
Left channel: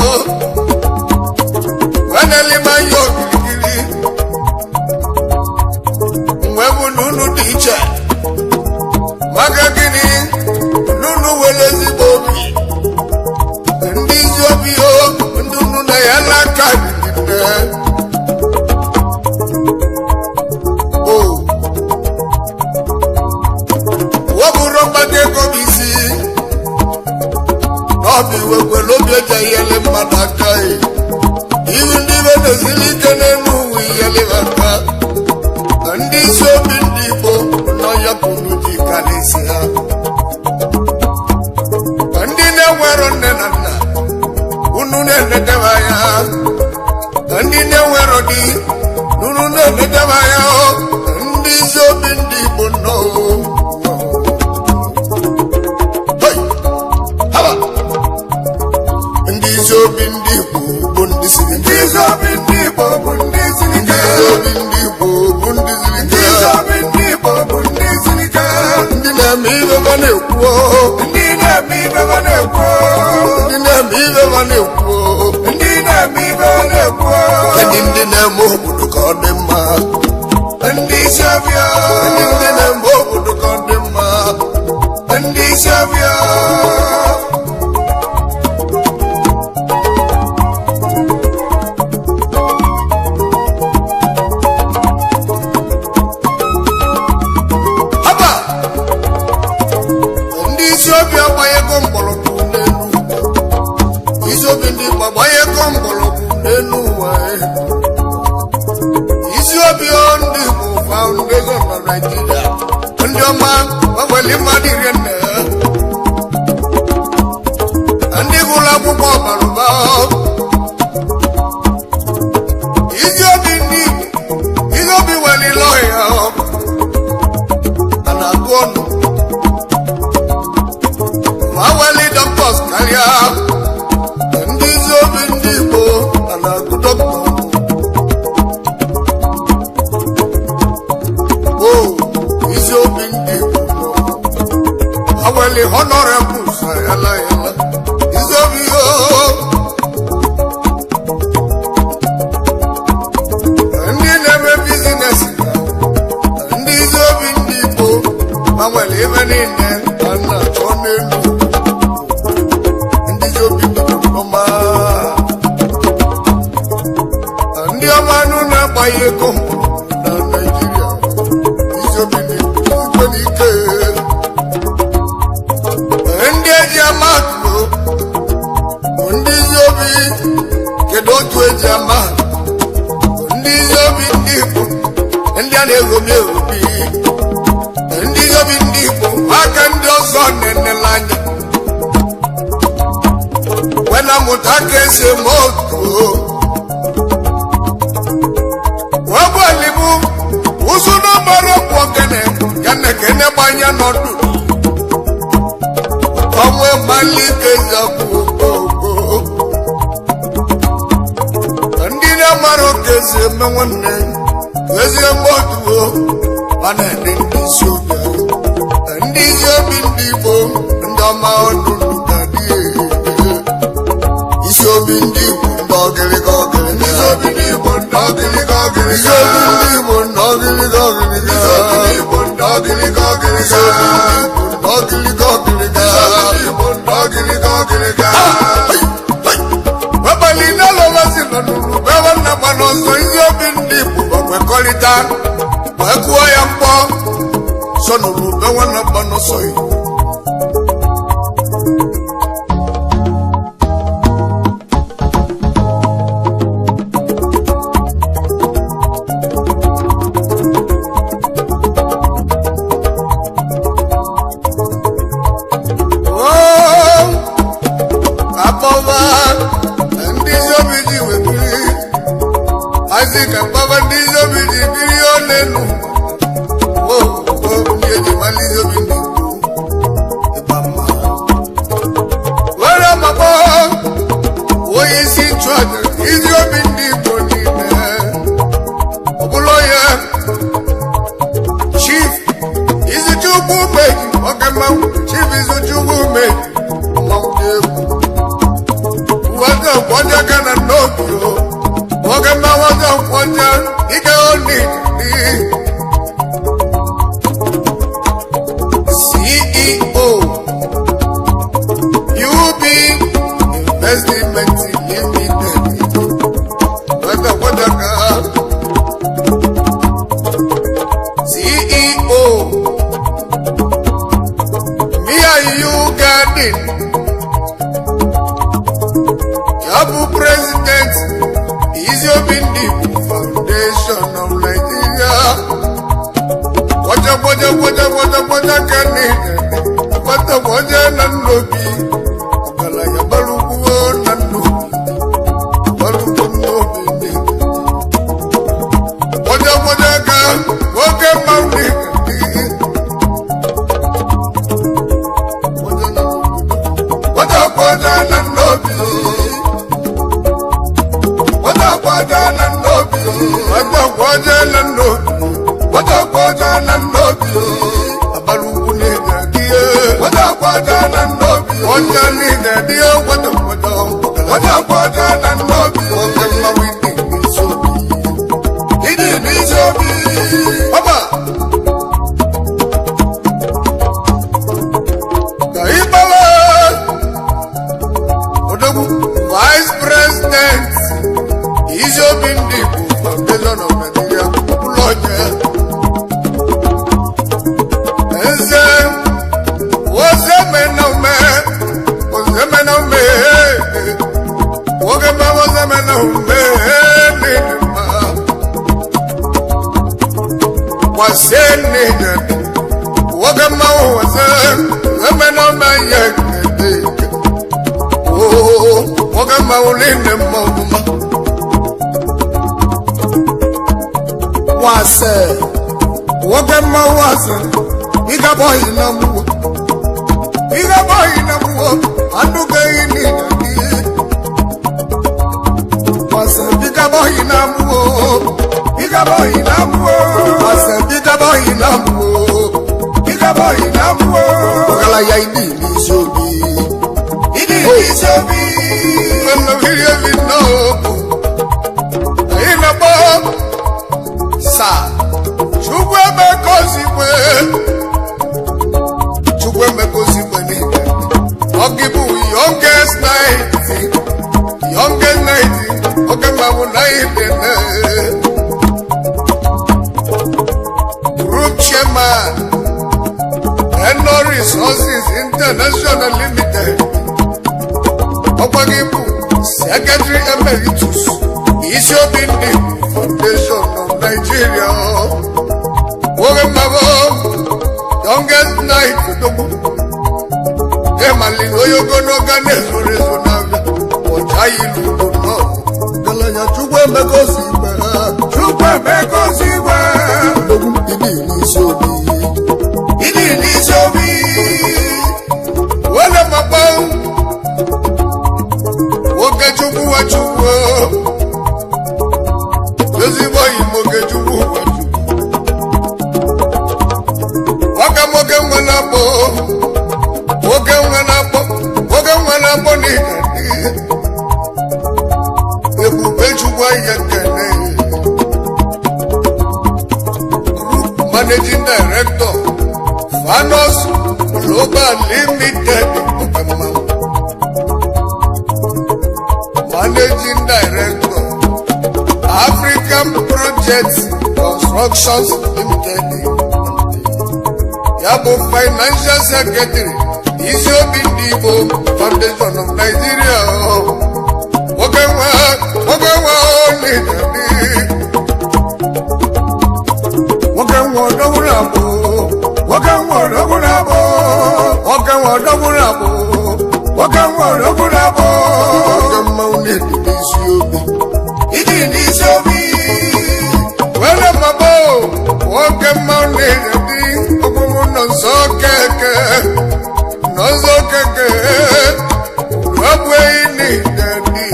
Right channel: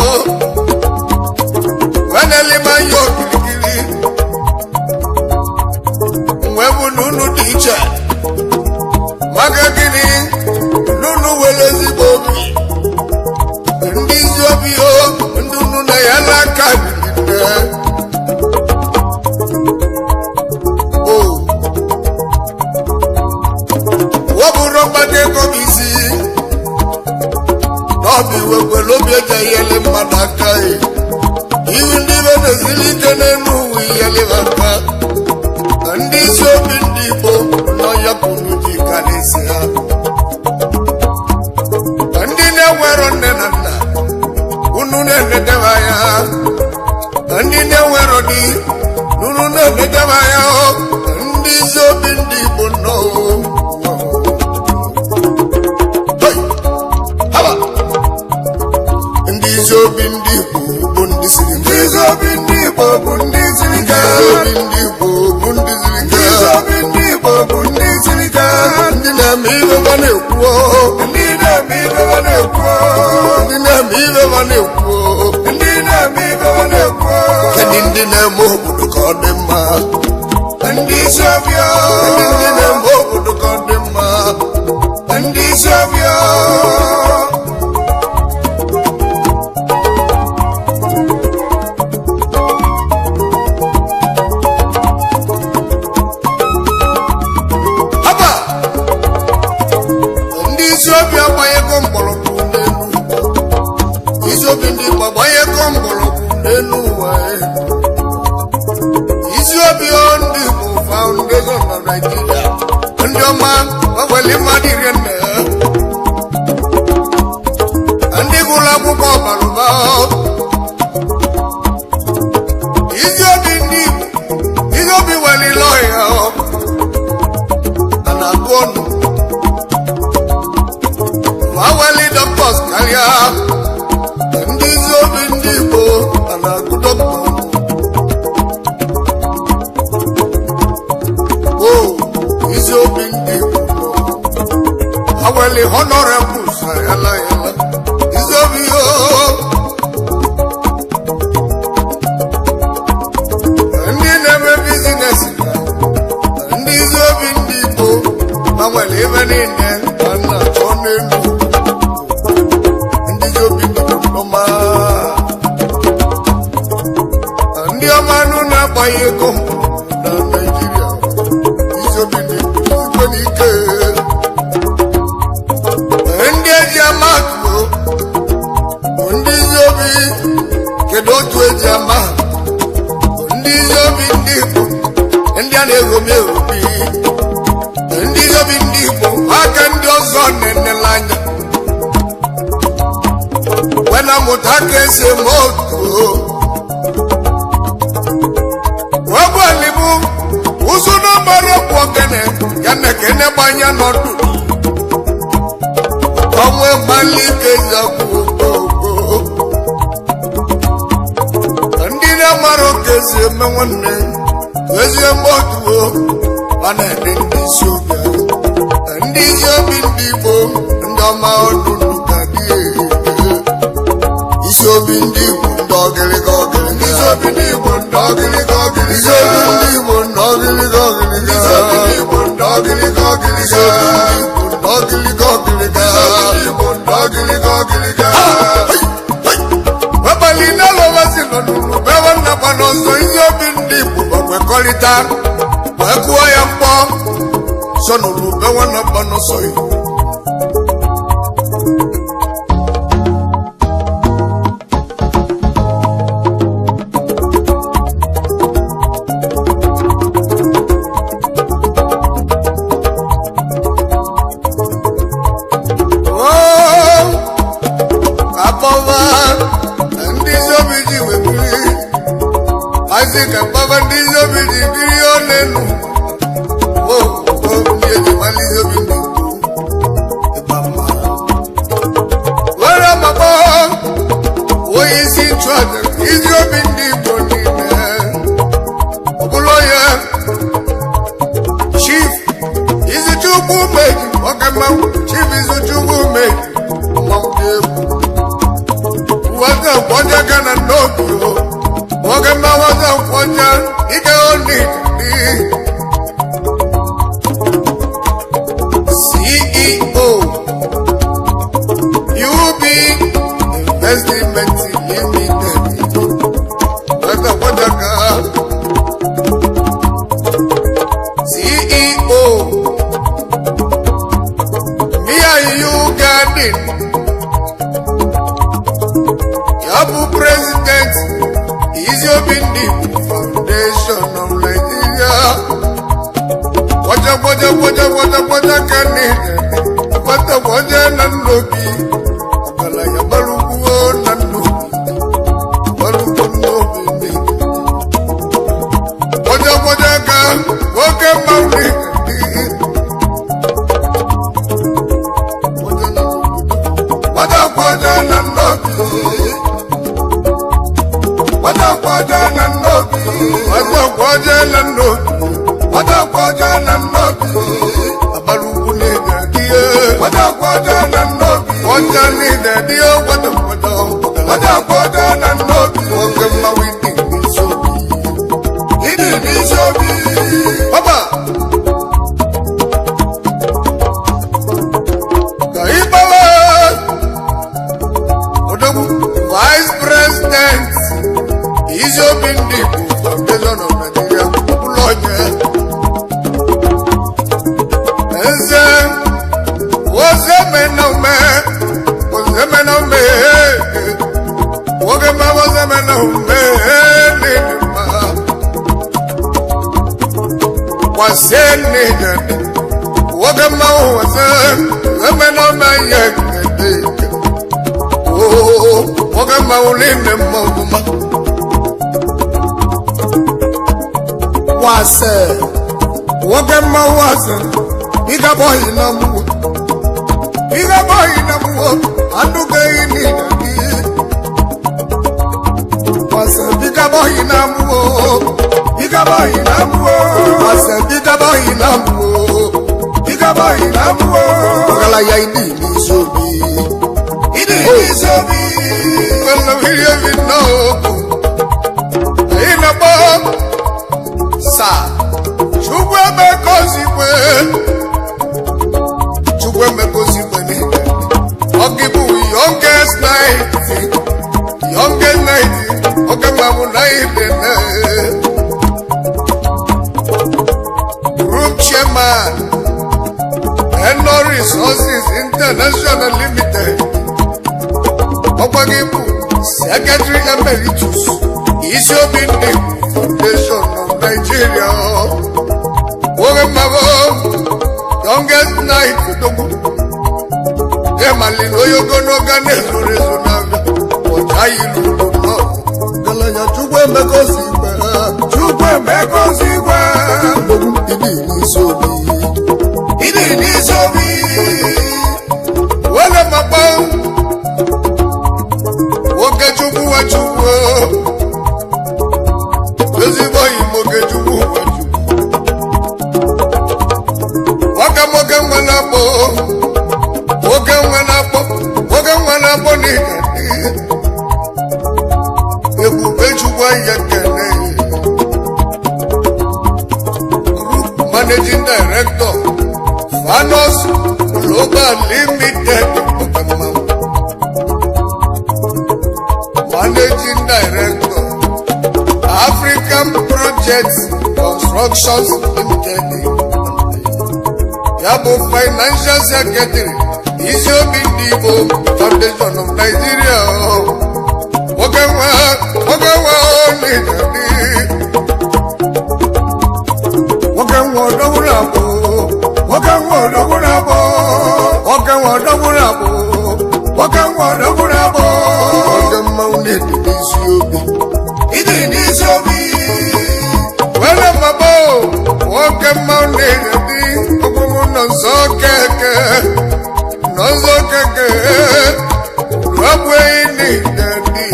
nwanelima ya okirikiri wee bụ na unu dị iche maka gịnị n'unu were ezigbo obi ndị ezi obi ndị unu na ya n'aka dịgide wọbụrụ mgbata ego bụ isi n'ọbụ iwe kwere obi eji ihele mmadụ aka ihu ndị ibe na-esiri ike n'elu uwe ihele aka na ndị isi obi ndị Igbo nọ ya kwuru ji karịsị ha na ndị na-enwero nne na nna unu na-enetebe anya na ndị na-enwero di unu na-enetebe anya ndị isi obi ndị Igbo nọ ndị isi obi ndị Igbo bụ ndị siri ike ndị isi obi ndị Igbo bụ ndị siri ike ndị na-eme ibe ma na-ekwu ndị na-eme ibe ma na-ekwu kedụ ndị na-eme obodo ka ọ dị mma kedụ ndị na-eme obodo ka ọ dị mma ndị isi abịa obi agbanyego mgbọrọgwụ n'elu isi obi ndị Igbo agbanyego mgbọrọgwụ n'elu ụwa isi obi ndị Igbo Foundation na Naịjirịa ndị ọma gbanwere mmadụ 40 ndị gụrụ akwụkwọ ọbara ụba isi obi ndị Igbo isi obi welile ọhịa a na-agụ ọnụ awali doctors karịa ndị isi obi ndị Igbo a na-agụ dọkịta isi obi ndị Igbo awali honorables ayala isi obi ndị na-eme bizines ndị isi obi ndị Igbo awali ebe niile a na-achọ n'elu ndị ọma anụ na-agbaghị ego na Naịjirịa izobi n'ikwe n'ike ndị eji ama atụ ndị izobi kedu otu eji ama ndị izobi ndị Igbo ndị a na-egomi egomi ndị izobi ndị Igbo aka ndị ọzọ na-enele anya wena mụta ka esi eme otu wegwalibu ụzụ n'ọgbara ọkpụ ogene ya na ekene gbanya n'ọdụ ọnwe mmalị ike zakwu ndị na-amara oke esi eme nwanne ezi eme otu ma na-ede ndị isi obi ndị isi obi ndị Igbo ndị ọma ọdụ isi obi ndị Igbo ndị ọgịrịga ọgịrịga isi obi ndị Igbo ndị ọgịrịga ọgịrịga isi obi ndị Igbo ndị ọgịrịga ọgịrịga webalị n'alọwazi nọ n'ụlọ bewa nnaba n'ọzọ isi obi ndị Igbo gbakwekọrịta wee kụọ ya mkpọ so n'ụlọ bewa nnaba n'ọsọ ya Azika baba ndizo bidi bilione nu ndiye malizo bindi ebama wala mabo woyisi chwada izo bindi bonine ya Chief Izuchukwu Meji oge mmanwụ Chief Izuchukwu Meji mmanwụ dị egwu uweze kwọja ka na n'obi oge mmanwụ ọzọ kwọja ike oni CEO UB Investment Limited uweze kwọja ka CEO Mia You Garden Yabu President Izobindi Foundation of Nigeria Waja Kanida Waja Nanobi Okala ya Balugu Nanobi Balugu Nobi Waja Ka Woke Mauni Waja Nanobi Abalugu ne dia Waja ni dia wada Woke mawindi nisobi Baba Kaibala Odogu Vice President Izobindi Foundation of Nigeria Uloje Eze Wozemenome Wogema Wozemenome Nidima Wasenide Wogema Wozemenome Yekede Oh Wogema Uline Moma Wase Wogema Wase Biga boy namuwo Anduge ini dadi Wase biga boy namuwo Wase biga boy namuwo Wakala ya ini nisobi Wala vile vinobu Ina bom Sa Chukwe mekozibwe ni Ogibu youngest 90 Oge mamu 90 Group Chairman Eno Resources International Limited Ogibu Secretary Emeritus Izobindi Foundation of Nigeria Oge mamu youngest 90 Emalino yogono gane zorezonaga Ojayilu no Galanya chukwe mekozibwe Logu idi nisobi Wale mabau Woke chukwu wa chukwu Yozibo imoke chukwu wa chukwu Waka moke mwanabo Woke mwanabo ni dadi Ebube chukwa yekene Group Managing Director Fanos Global Limited Managing Director African Projects Constructions Limited Yabo Financial Secretary Izobindi Foundation of Nigeria Wokewa ni dadi Wokewa odogurabo Wokema unedi nisiobi Wele mabo Wokema unedi Okumu nonzo keke Rabwe ini dadi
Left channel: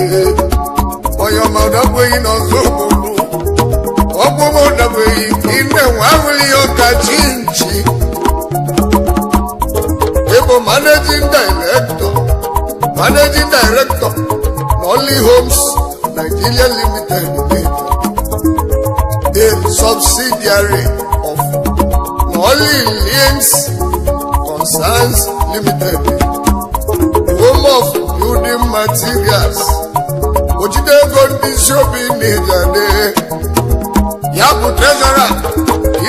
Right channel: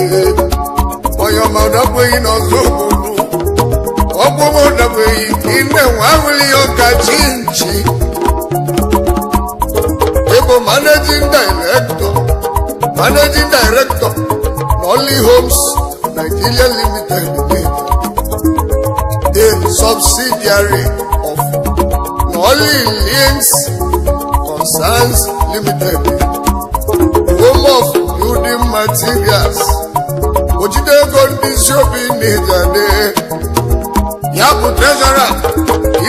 Oyama rabwe ino zobulu ọgbọmọdàbẹ̀yì iná wàhùlì ọkà chíǹchì ebo managing director Nolly Homes Nigeria Limited a subsidiary of Nolly Links Concerns Limited, home of building materials. Ojidego Isiobi Nijade, Yabu Treasurer,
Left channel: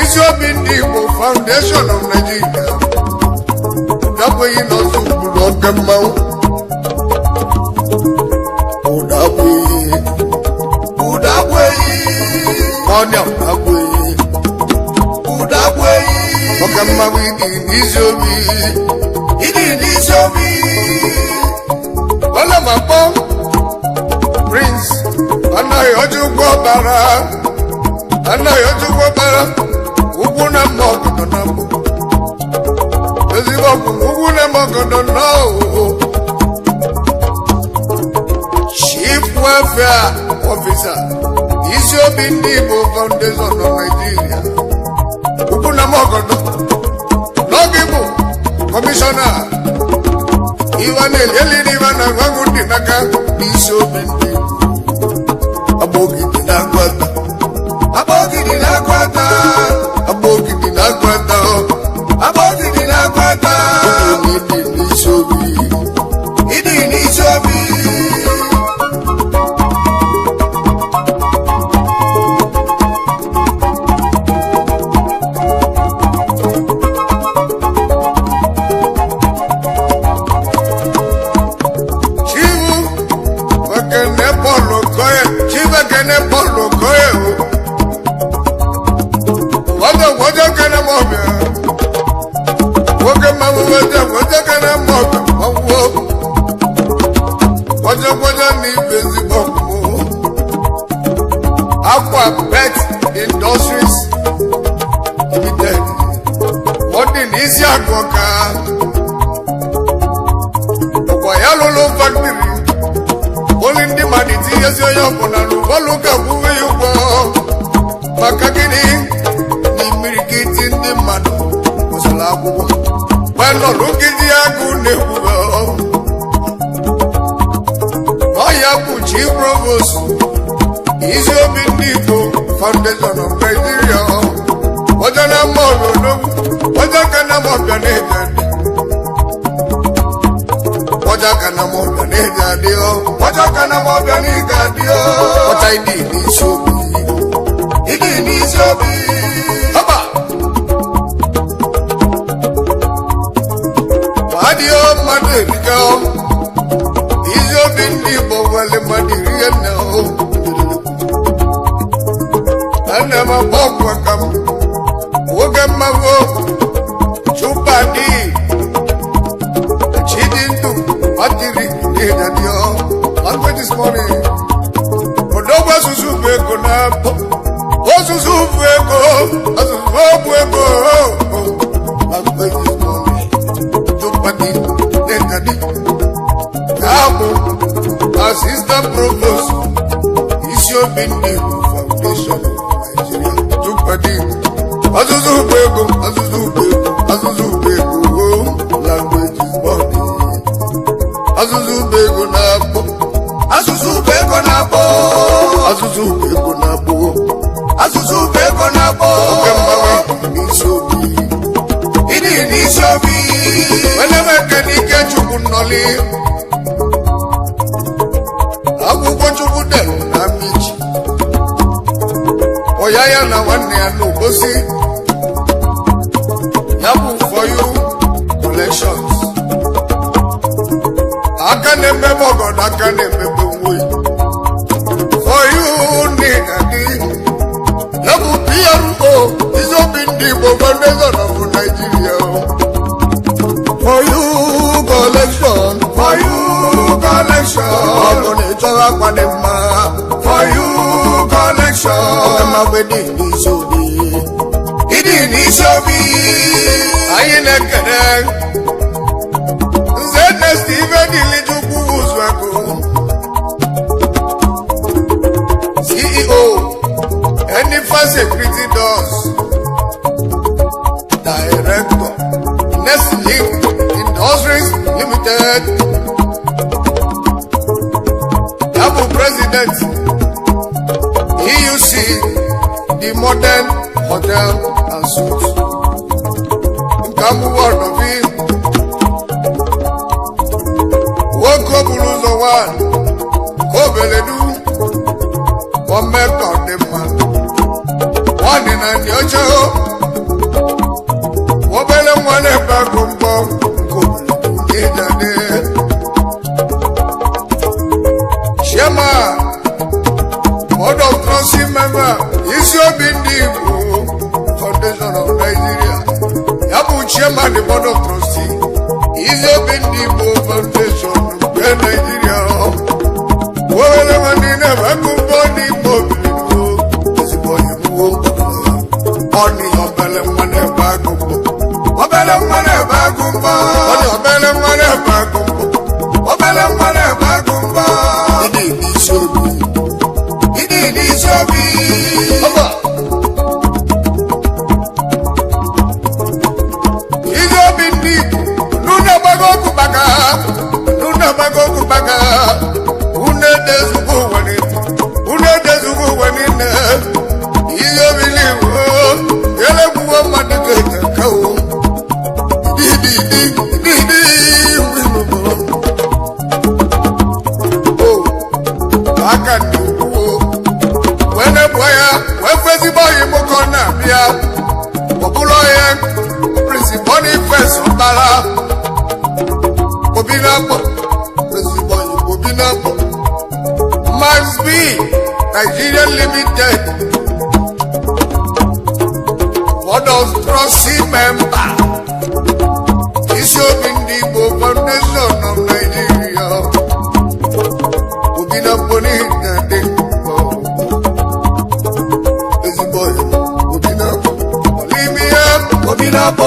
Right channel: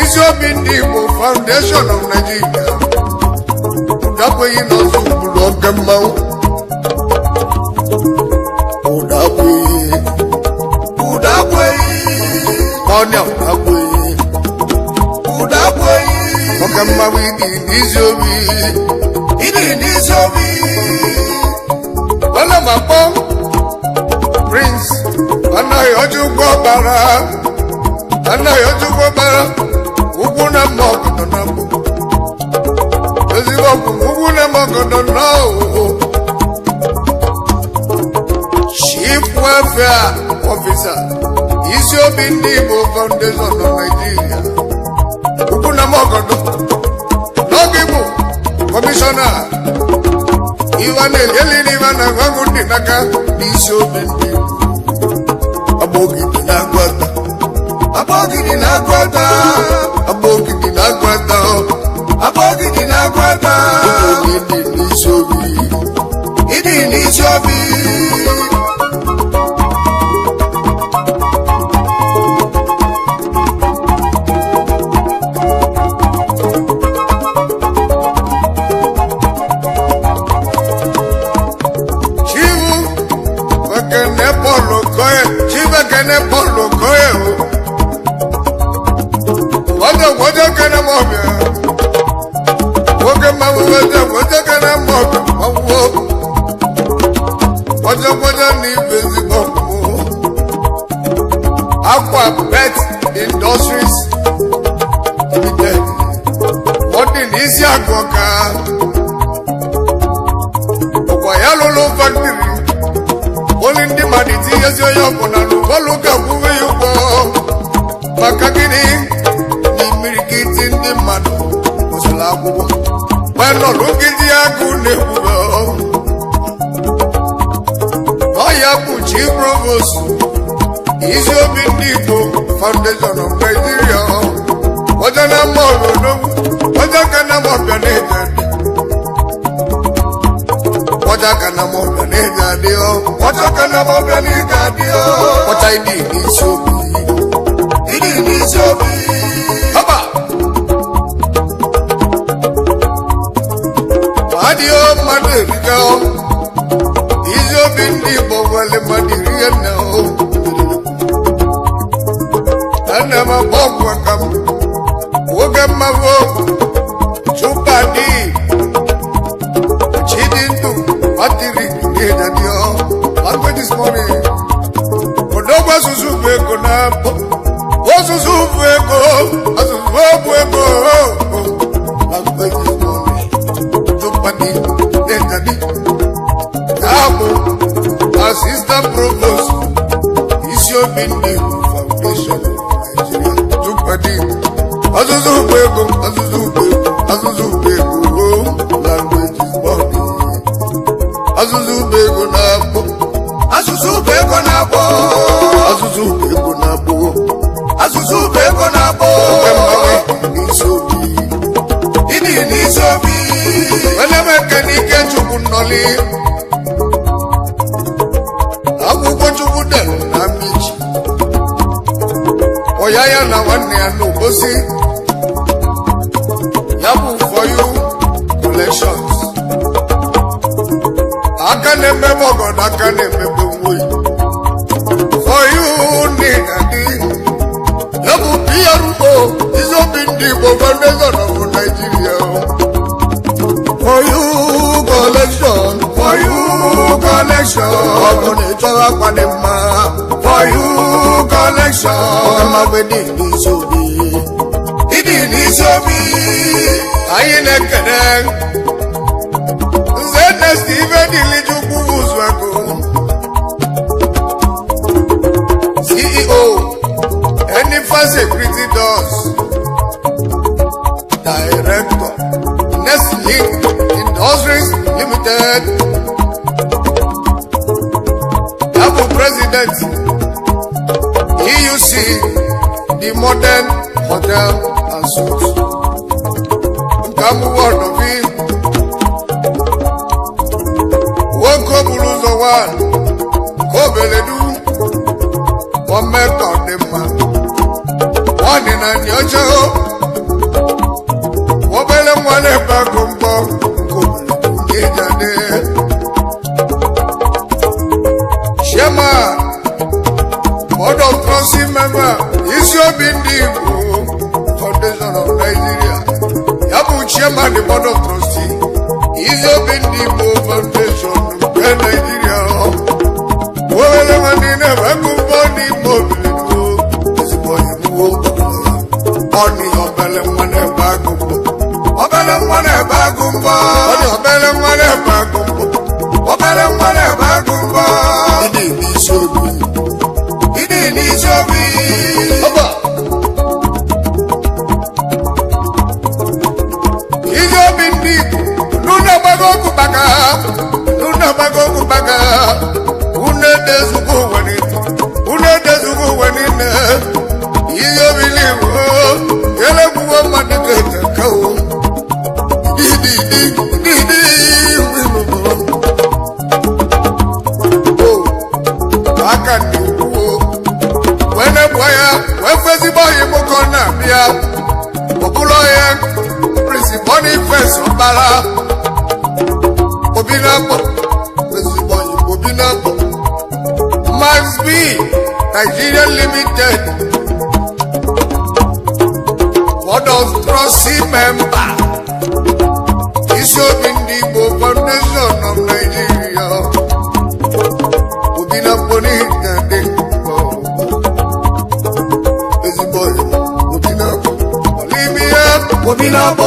Isiobi Nibo Foundation of Nigeria. Udabwe inozu Bulogama. Udabwe. Monya Udabwe. Ogama widi Isiobi. Wala mapom. Prince, Anayojugo Bara, Uguna Mogodonabu. Uguna Mogodonabu. Chief Welfare Officer, Isiobi Nibo Foundation of Nigeria. Uguna Mogodo, Nogibu, Commissioner, Ivan Eleni Ivan Agundinaka, Isiobi Nibo. Abogidi na gwata. Idi ni sobi. Chivu, wakene polo koye. Kene polo koye o. Waja kene mobe. Woke mamu waja kene mobe. Waja ni bezi bokumu. Aqua Pet Industries Limited. Wadi nisi akwaka. Okwayalolo Factory. Olindi maditi yesyo yopona luvaluka kuwe yuko makagini ni mirikiti ndi mano kusala kubo wano lukiti yaku nebuwa Oya kuchi Provost Isiobi Nibo Foundation of Nigeria Wajana mono no Wajakana mopya nejani Wajakana mopya nejani What I did is so Papa Madio Madriga is your bindi Bowale Madria now. And I'm a Bogwakam Wogamavo Chupadi Chidintu Matiri Nedadio. This morning, Odoba Suzuko Napo, Osuzuko, Azuko, I'm going this morning. Tupati, Netadi, Abu, Assistant Provost, Isiobi Nibo Foundation of Nigeria. Tupati, Azuzuko, language is morning. Azuzuko Napo. Kamawe Isobi. Whenever can he get you Nolly? I will go to Woodell, Namich. Oyaya na one near no bossy. Yabu for you collections. I can remember God, I can remember way. For you need a deal. Yabu PRO is open deep over the zone of Nigeria. For you collection. I'm gonna tell you what I'm for you collection. I'm a wedding Isobi. I ain't a cadet. Zena Steven Dilijuku Uzwako. CEO. Any Global Security Doors, Director, Nestlink Industries Limited, Double President, EUC, the Modern Hotel and Suites. Nkamu word of him. Woko Buluzo one, Kobeledu, one method the man, one in a nyocho, Wobele one a bagumbo, Kobeledu, Shema, Board of Trustee member, Isio Bindigo, Foundation of Nigeria. Yabu Chairman, the Board of Trustee, Isio Bindigo Foundation of Nigeria. Wole Manina Bagumbo, Mobilu, is a boy who only Obele Mane Bagumbo, Obele Mane Bagumbo, only Obele Mane Bagumbo, Obele Mane Bagumbo. It is so good. Boniface Obala, Obinabo, Obinabo, Max B, Nigeria Limited, Board of Trustee member, Isio Bindigo Foundation of Nigeria, Obinabo Nidingo, Ezeboy, Obinabo, Olivia, Obinabo.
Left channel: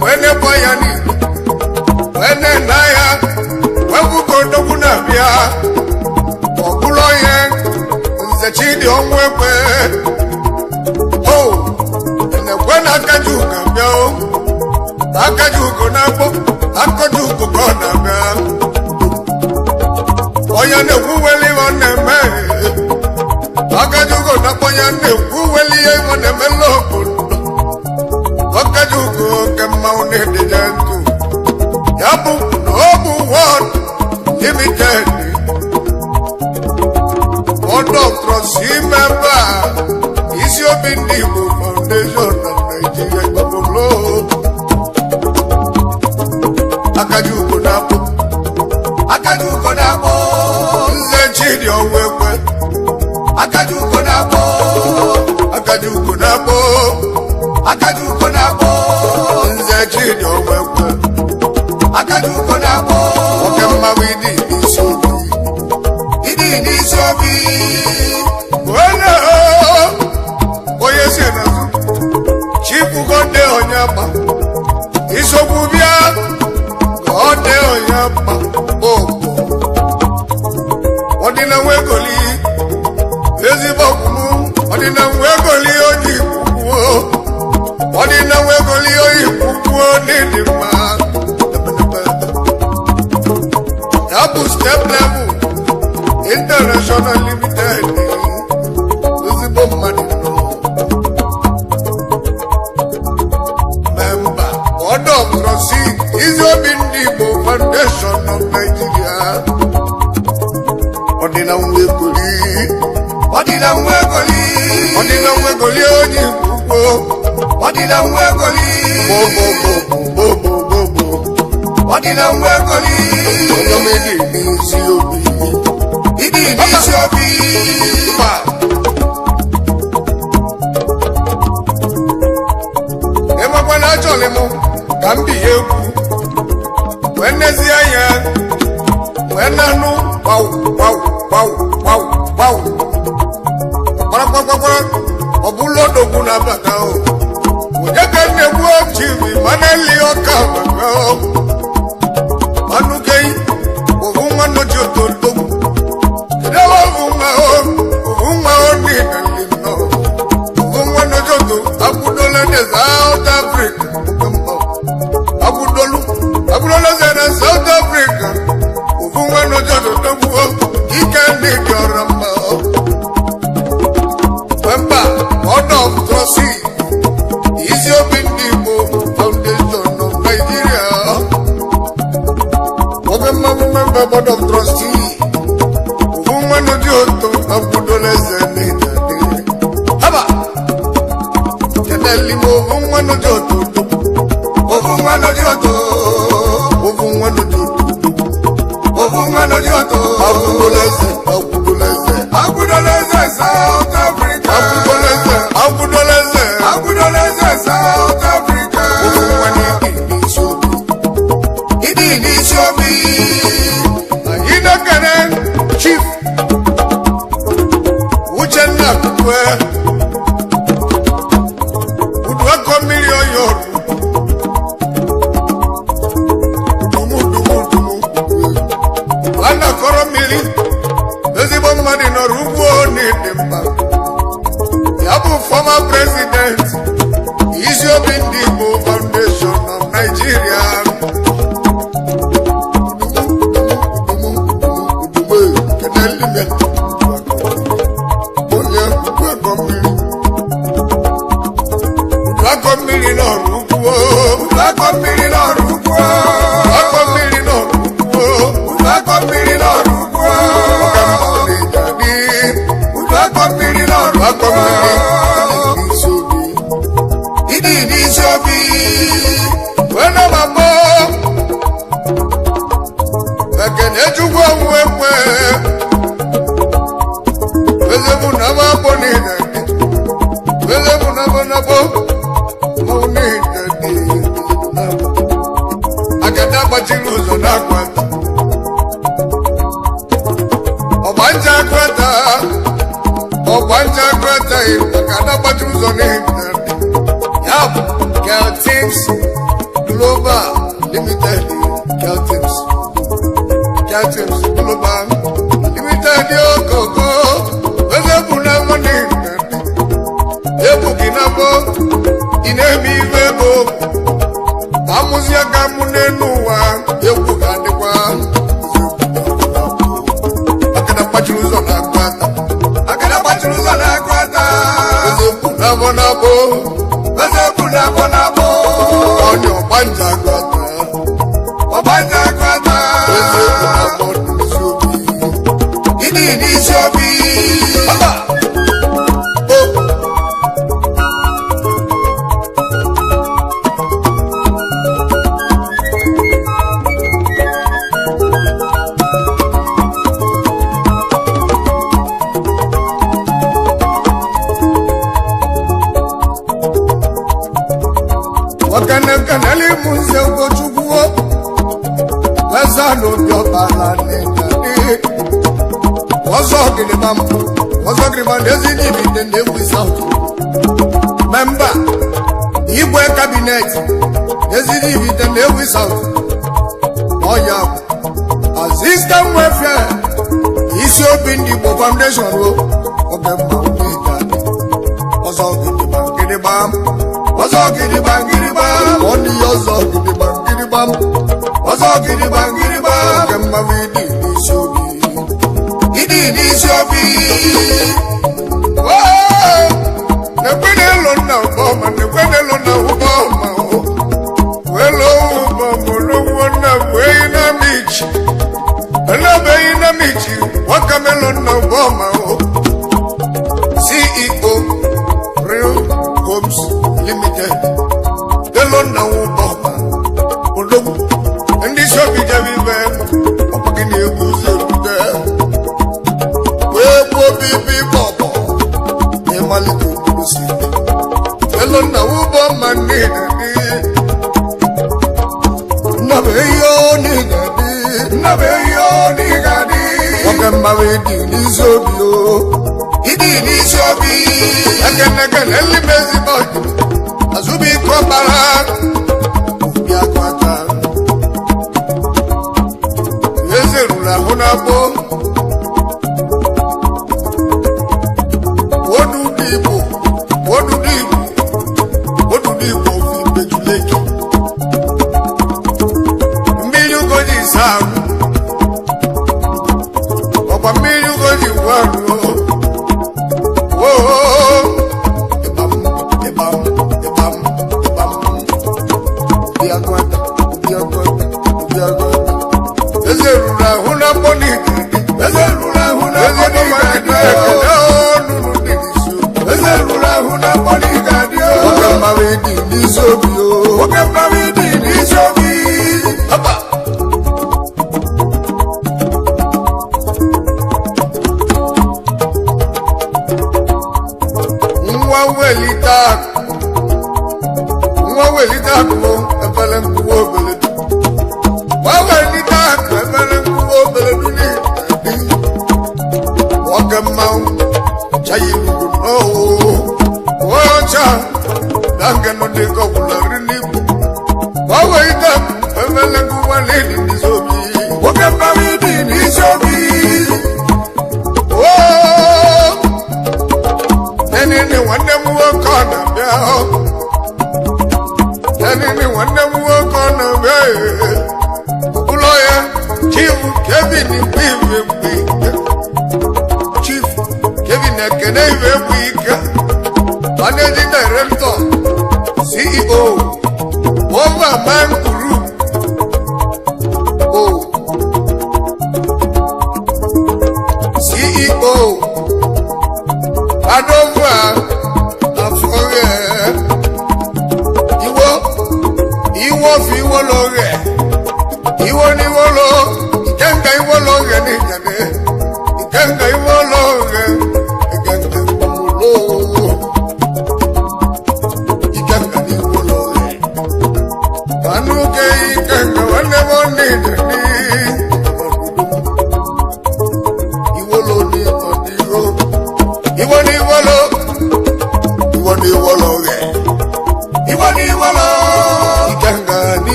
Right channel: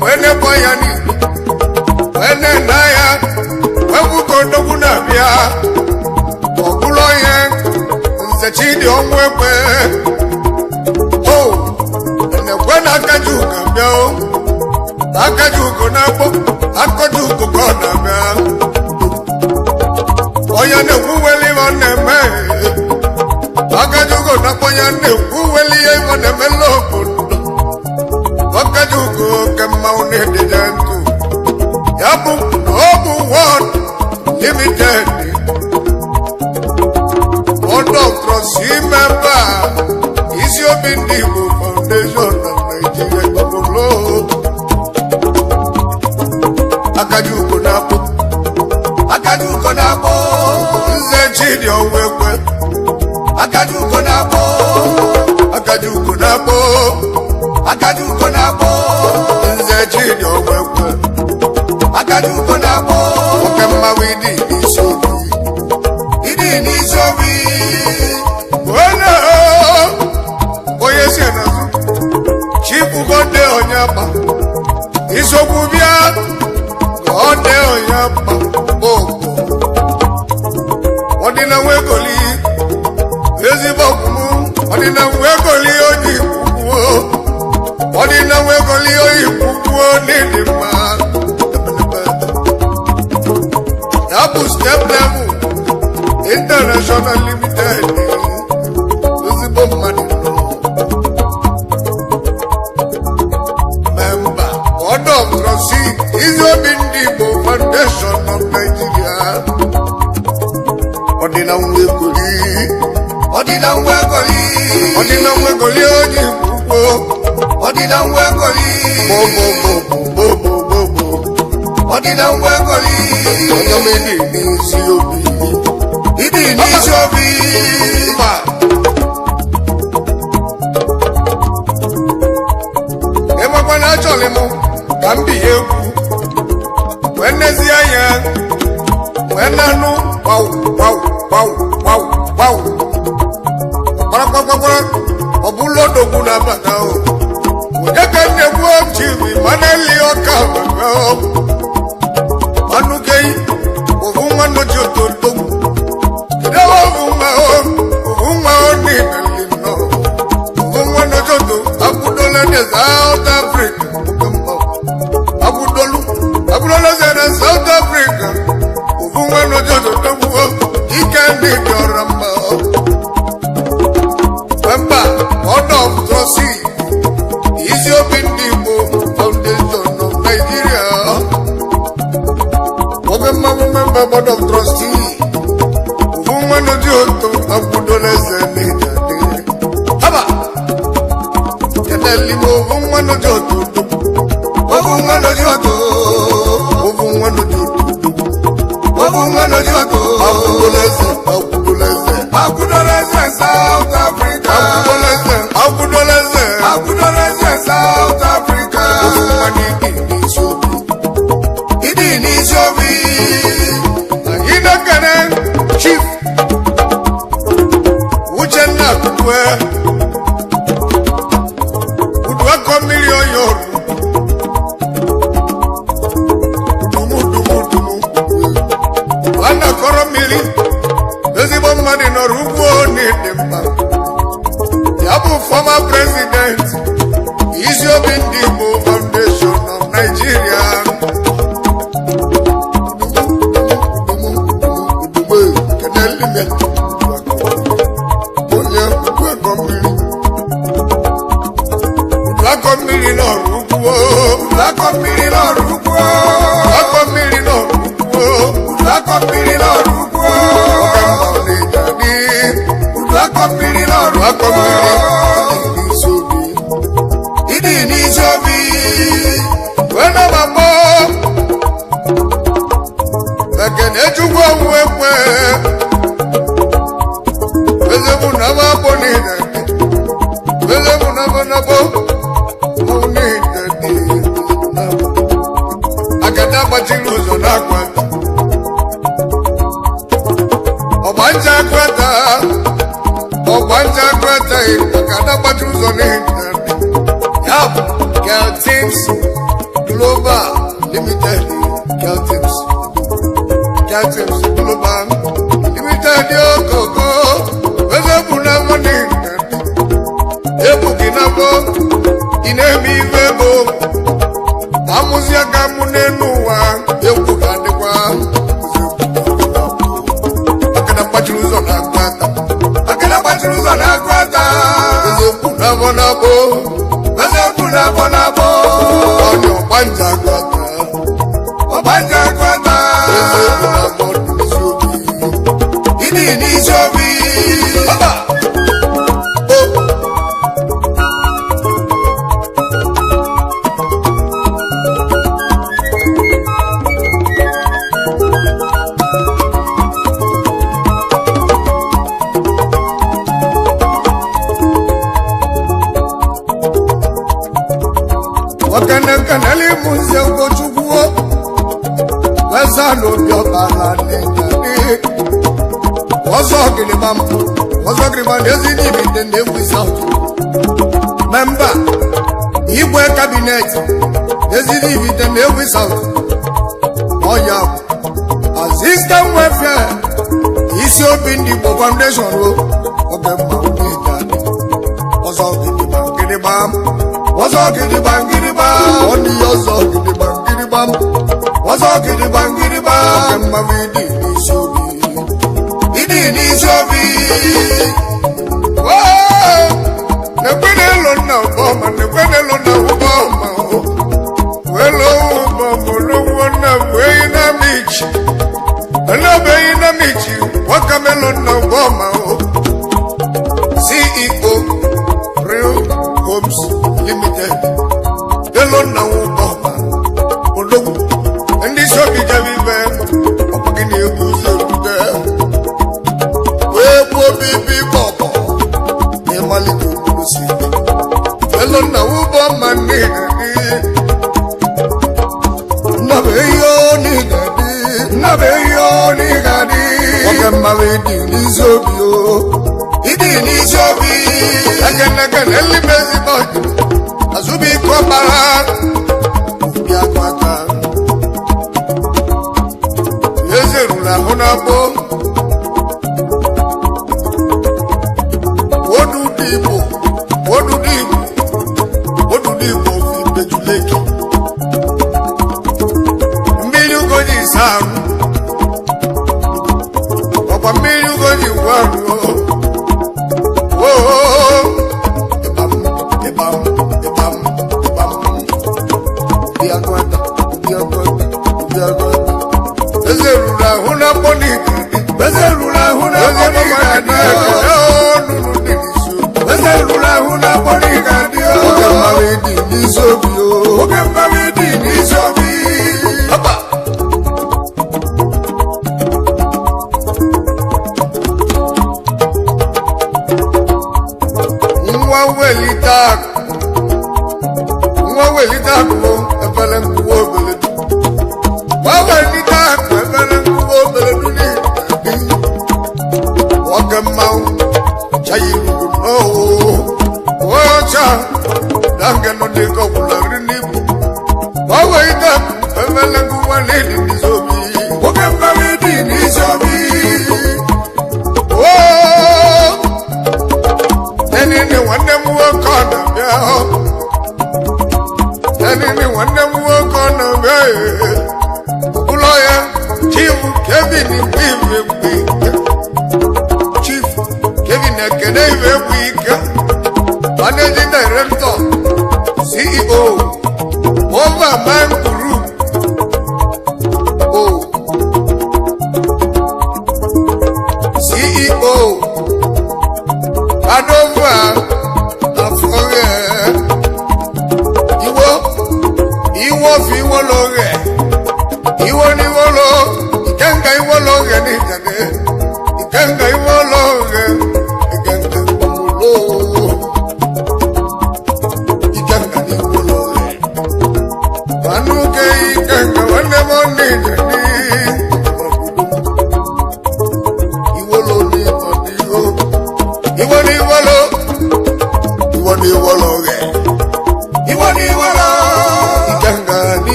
Wene boyani, wene naya, webu kondogu na bia, wakulo yen, nze chidi omwepe. Oh, ene kwena akajuka bia, akajuko nabo, akajuko kona bia. Oyane kuweli waneme, akajuko nabo yane kuweli waneme lopo. Wakajuko kama unede jantu Yabu Nobu One Limited Board of Trustee member Isio Bindigo Foundation of Nigeria Babolo Akajuko Nabo Akajuko Nabo Nze chidi onwekwe Akajuko Nabo Akajuko Nabo Akajuko Nabo Nze chidi onwekwe Akajuko Nabo Okemma widi isobi Idi isobi Wena Oye sienazu Chifu Gonde Onyapa Isobubia Gonde Onyapa Bobo Odina wegoli Ezibokumu Odina wegoli oji kukuo Odina wegoli oji kukuo Nidima Dabu Step Level International Limited Ezibokumani no Member Board of Trustee Isio Bindigo Foundation of Nigeria Odina wegoli Odina wegoli Odina wegoli oji kukuo Odina wegoli Bobo bobo bobo bobo Odina wegoli Onyamedi Isiobi Idi Isiobi Ba Ema kwana chole mo Kambi yeku Wenezi aya Wenanu Wow wow wow wow wow ọkwara ọbụla odogwu na-abata o onye ka na-egbu chibi mana eli ọka anụgeghị ovu nwa noji otodogwu kedu ovu nwa onina limno ovu nwa noji oto akwụdola na South Africa akwụdola na South Africa ovu nwa noji otodogwu ike ndị dị ọra mma member board of trustees Ethiopian Igbo Foundation of Nigeria member board of trustees woman of the auto of Budolese Haba Canali woman of the auto woman of the auto woman of the auto woman of the auto of Budolese South Africa of Budolese South Africa woman Chief Uchenna Kukwe Udwako million yoru Dumu Wana koro mili Ezibo madi no rubuo ni dimba Yabu former president Ethiopian Igbo Foundation of Nigeria Caltems Global Limited Caltems Global Limited Yoko Wezebuna Money Ebukinabo Inemi Vebo Amuzia Gamunenuwa Ebukandekwa Akana Pachuzo na Kwata Wezebuna Bonabo Onyo Banja Kwata Wezebuna Bonisubi Ini Sobi Baba Kanali Munze Ugochukwu Wezano Biobala Nengani Wazo Gilibam Nezini Bidende Wizard Member Igwe Cabinet Nezini Bidende Wizard Oya Assistant Welfare Ethiopian Igbo Foundation Oge Maunida Wazo Gilibam Oni yozo gidibam Wazo gidibam Kemma vidi nisobi Wow Nekwene lona uboma Welo uboma Lungwana Weina michi Welo weina michi Wakamelona uboma CEO Real Homes Limited Delona uboma Odogu Ndi shobi javive Opakini ebuze rude Webo bibi bobo Nemali kukusi Delona uboma nidadi Nabeyo nidadi Wakamba wedi nizobio Idi Again, Ellie Busy Boy, Azubi Kobara, Yakwaka, Yazerula Honabo, what do people, Pejuleki, Milu Godi Sam, Papa Milu Godi Waro. Managing Director, CEO, Overman Group. CEO, Adova, Afore, Iwo Fiwo Lore, Iwo Niwolo, Ikenga Iwo Lore, Ikenga Iwo Lore, Ikenga Iwo Lore, Anuke Ikenga, whenever needed.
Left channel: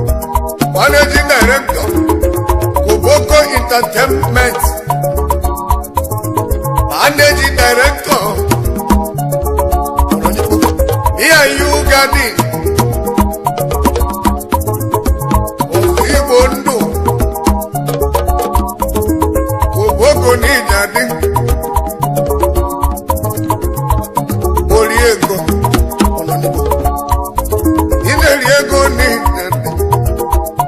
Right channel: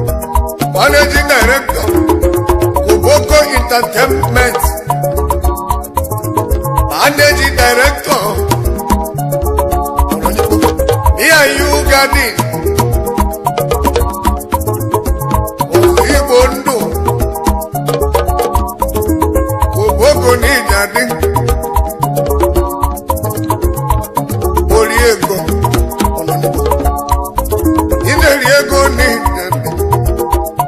Managing Director, Koboko Entertainment, Managing Director, me and you Garden, Ozibondo, Koboko ni Garden, Oriego, Ineriego ni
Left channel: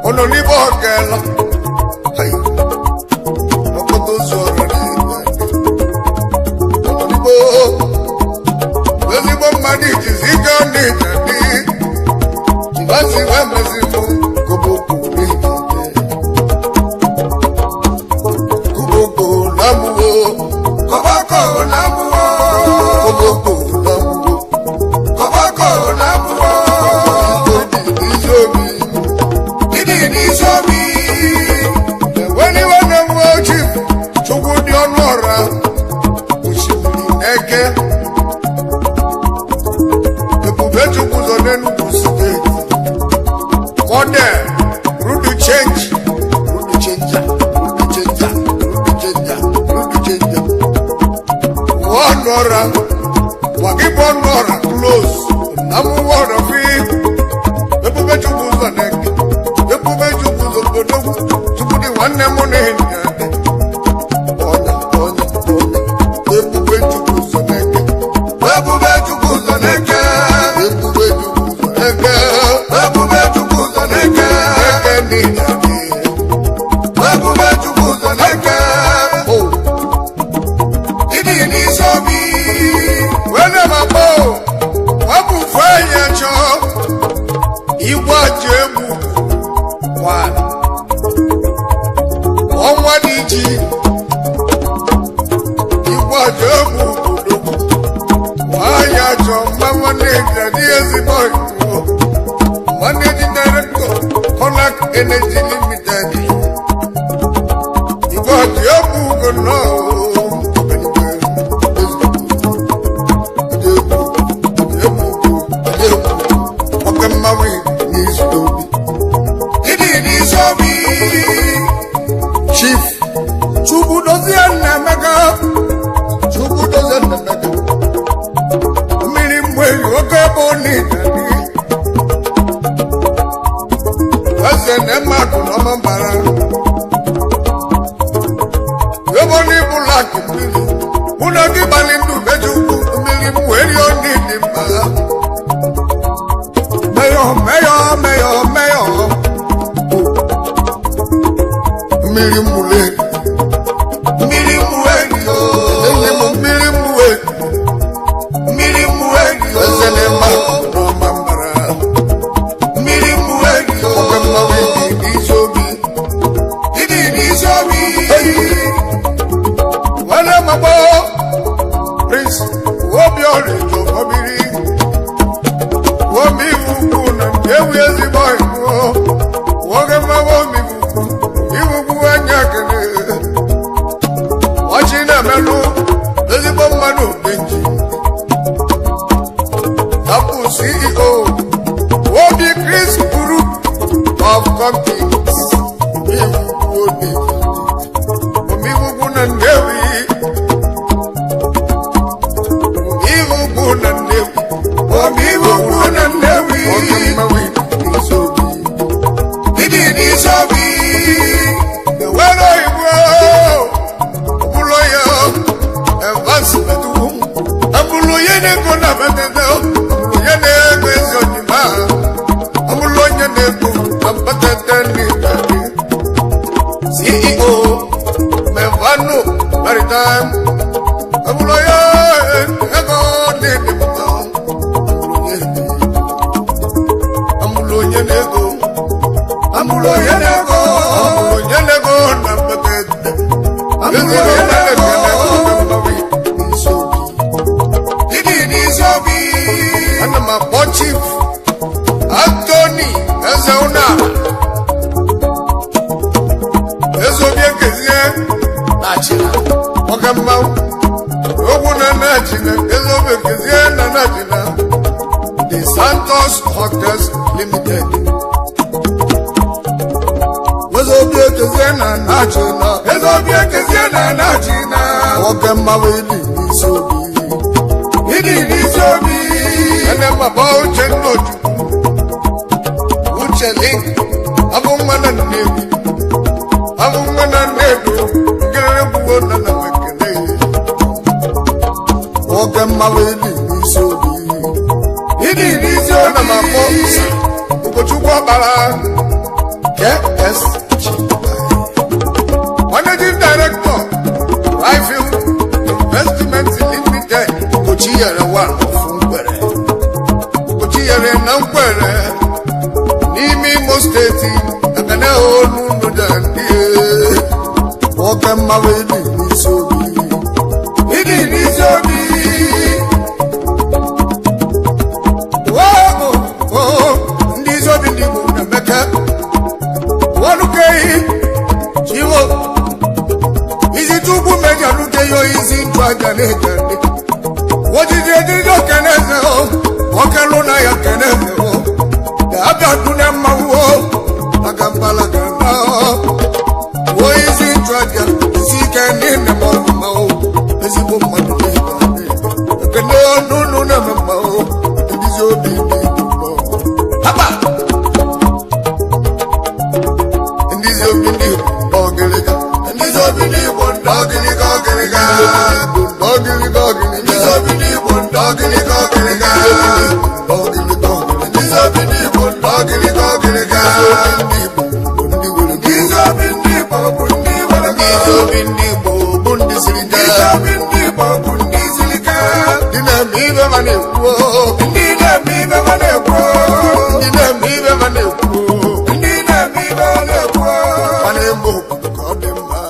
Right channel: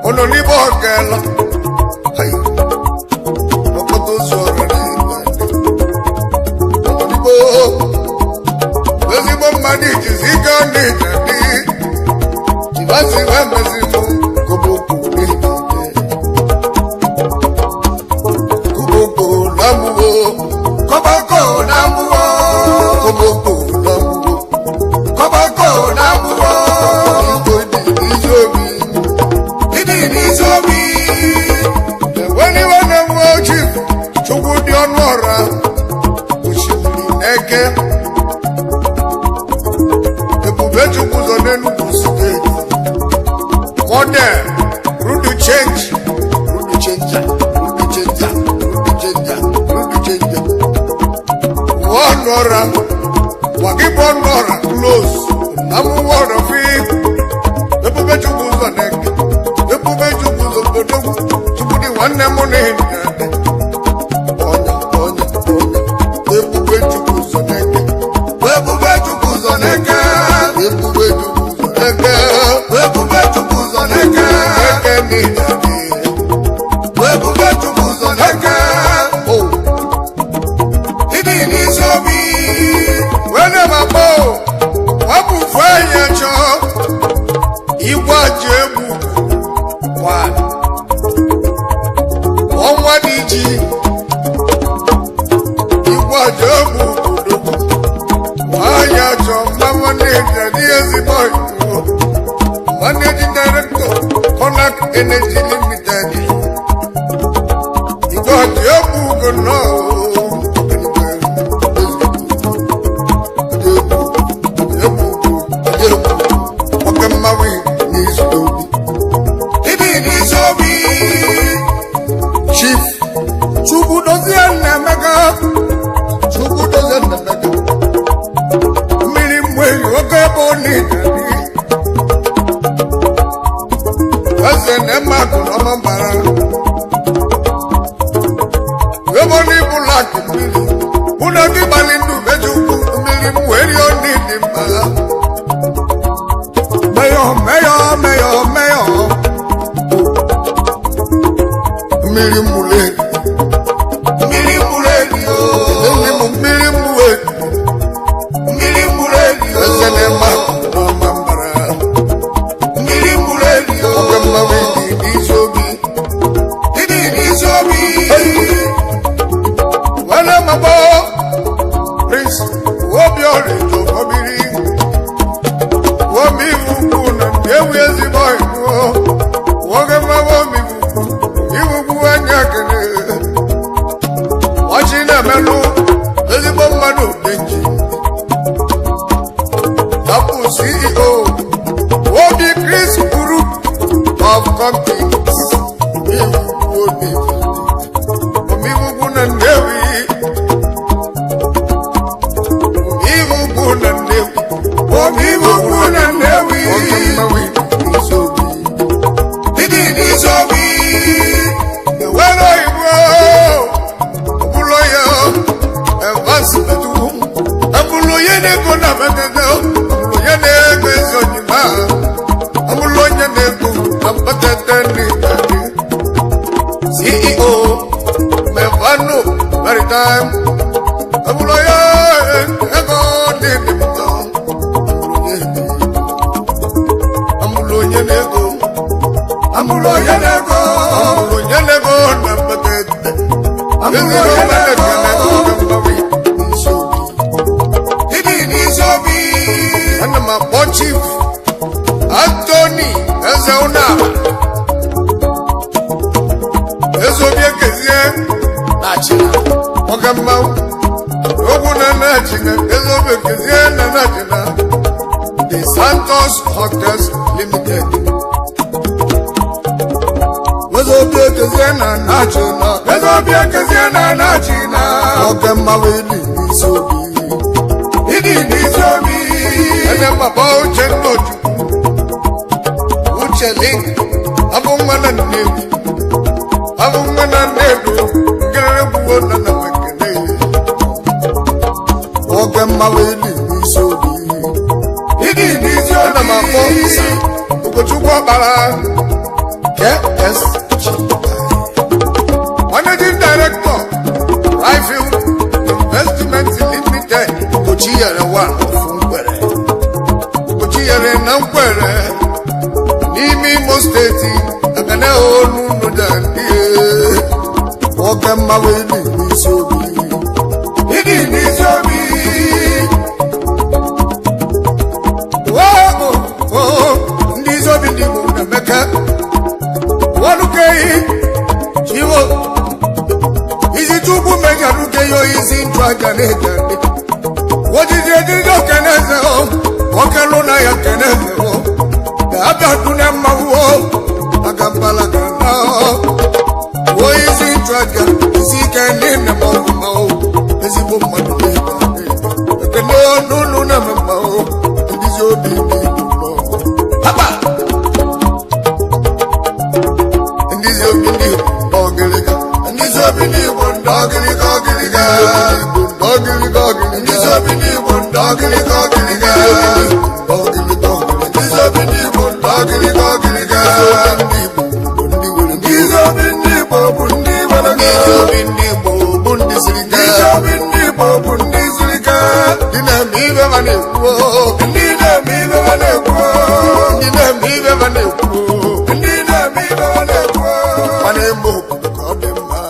Onolibo Gala, hey, Okotozo, Onolibo, Wezibo Madi, Ziga Nidani, Jivasi Wemezimo, Koboku Kuboko Namuo, Kobako Namuo, Koboko Namuo, Kobako Namuo, Izobi. Wakibon Nora close. Namu word of it. The Pubechubu Zanek. The Pubechubu Zobodu. To put the one name on it. The Pubechubu Zanek. The Pubechubu Zanek. The Pubechubu Zanek. The Pubechubu Zanek. The Pubechubu Zanek. Oh. Didi Sobi. When I'm a bow. Wabu fanya cho Iwa jebu One Omwa diji Iwa jebu kudubu Wanya cho Mama neja Diezi boy Managing director Konak Energy Limited Iwa jebu kuno Chief Chubu dozen Namega Chubu dozen Namega Milimwe Yoga Boni Dozen Emma Kunamambara Yoboni Bulaki Mili Munagi Balindu Bejuku Milimwe Yoni Dimba Mayo Milimule Zene Maku no Mambara Milimule Okamawi Isobi Wana Mabo Prince Wobiori Jokobiri Womi Vukuna Ewi Eziboy Wogama Womi Watching a melu, Elizabeth Manu Benji, Tapu CEO, Wobi Chris Group of Companies, Omibuna Nevi, Omibuna Nevi, Omibuna Nevi, Okamawi, Isobi, Didi Sobi. CEO Mevano Maritime Amuloya Ego Nedimba Amuloya Nego Amuloya Nego Amuloya Nego Nampatete Amuloya Nego Nambawi Nisobi and my boy chief Anthony Ezeuna Ezobia Kezie Nachina Wakamba Oguna Nachina Ezobia Kezie Nachina The Santos Hotels Limited Ezobia Kezie Nachina Ezobia Kezie Nachina Wakamba Wili Nisobi Nisobi And I'm about to know Uche Link Abumana Nevi Abumana Nedu Garabuana Namakane Wakama Wili Nisobi And I'm about Ukochukwa Bara KSG Managing Director Rifle Investment Limited Kochiyara One Kochiyara Namkwere Nimi Mosteti Akane Onu Nudandi Wakama Wili Nisobi Nisobi Nisobi Ndibu Nameka Walukei Chiwo Izi tubu meja lukeyo izi ntwaganete What did you do? Keneze o Wakaluna ya keneze o Abia tuna mawo Akampala kana Wo izi ntwaga Izi kenene mawo Izi bomadu Kene n'ụlọ na-eme mma ndizi obi ndị Igbo haba ndizi obi ndị Igbo n'ọgịrịga ndizi obi ndị Igbo n'ọgịrịga ọgịrịga n'ọgịrịga ọgịrịga obi ndị Igbo n'ọgịrịga ọgịrịga obi ndị Igbo n'ọgịrịga ọgịrịga obi ndị Igbo n'ọgịrịga ọgịrịga obi ndị Igbo bụ ndị were gị obi ndị Igbo bụ ndị were gị obi ndị Igbo bụ ndị siri ike obi ndị Igbo bụ ndị siri ike ndị na-eme ibe ma na-ekwu ndị na-eme ibe ma na-ekwu ndị na-eme ibe ma na-ekwu ndị na-eme ibe ma na-ekwu ma na-eme obodo ka ọ dị mma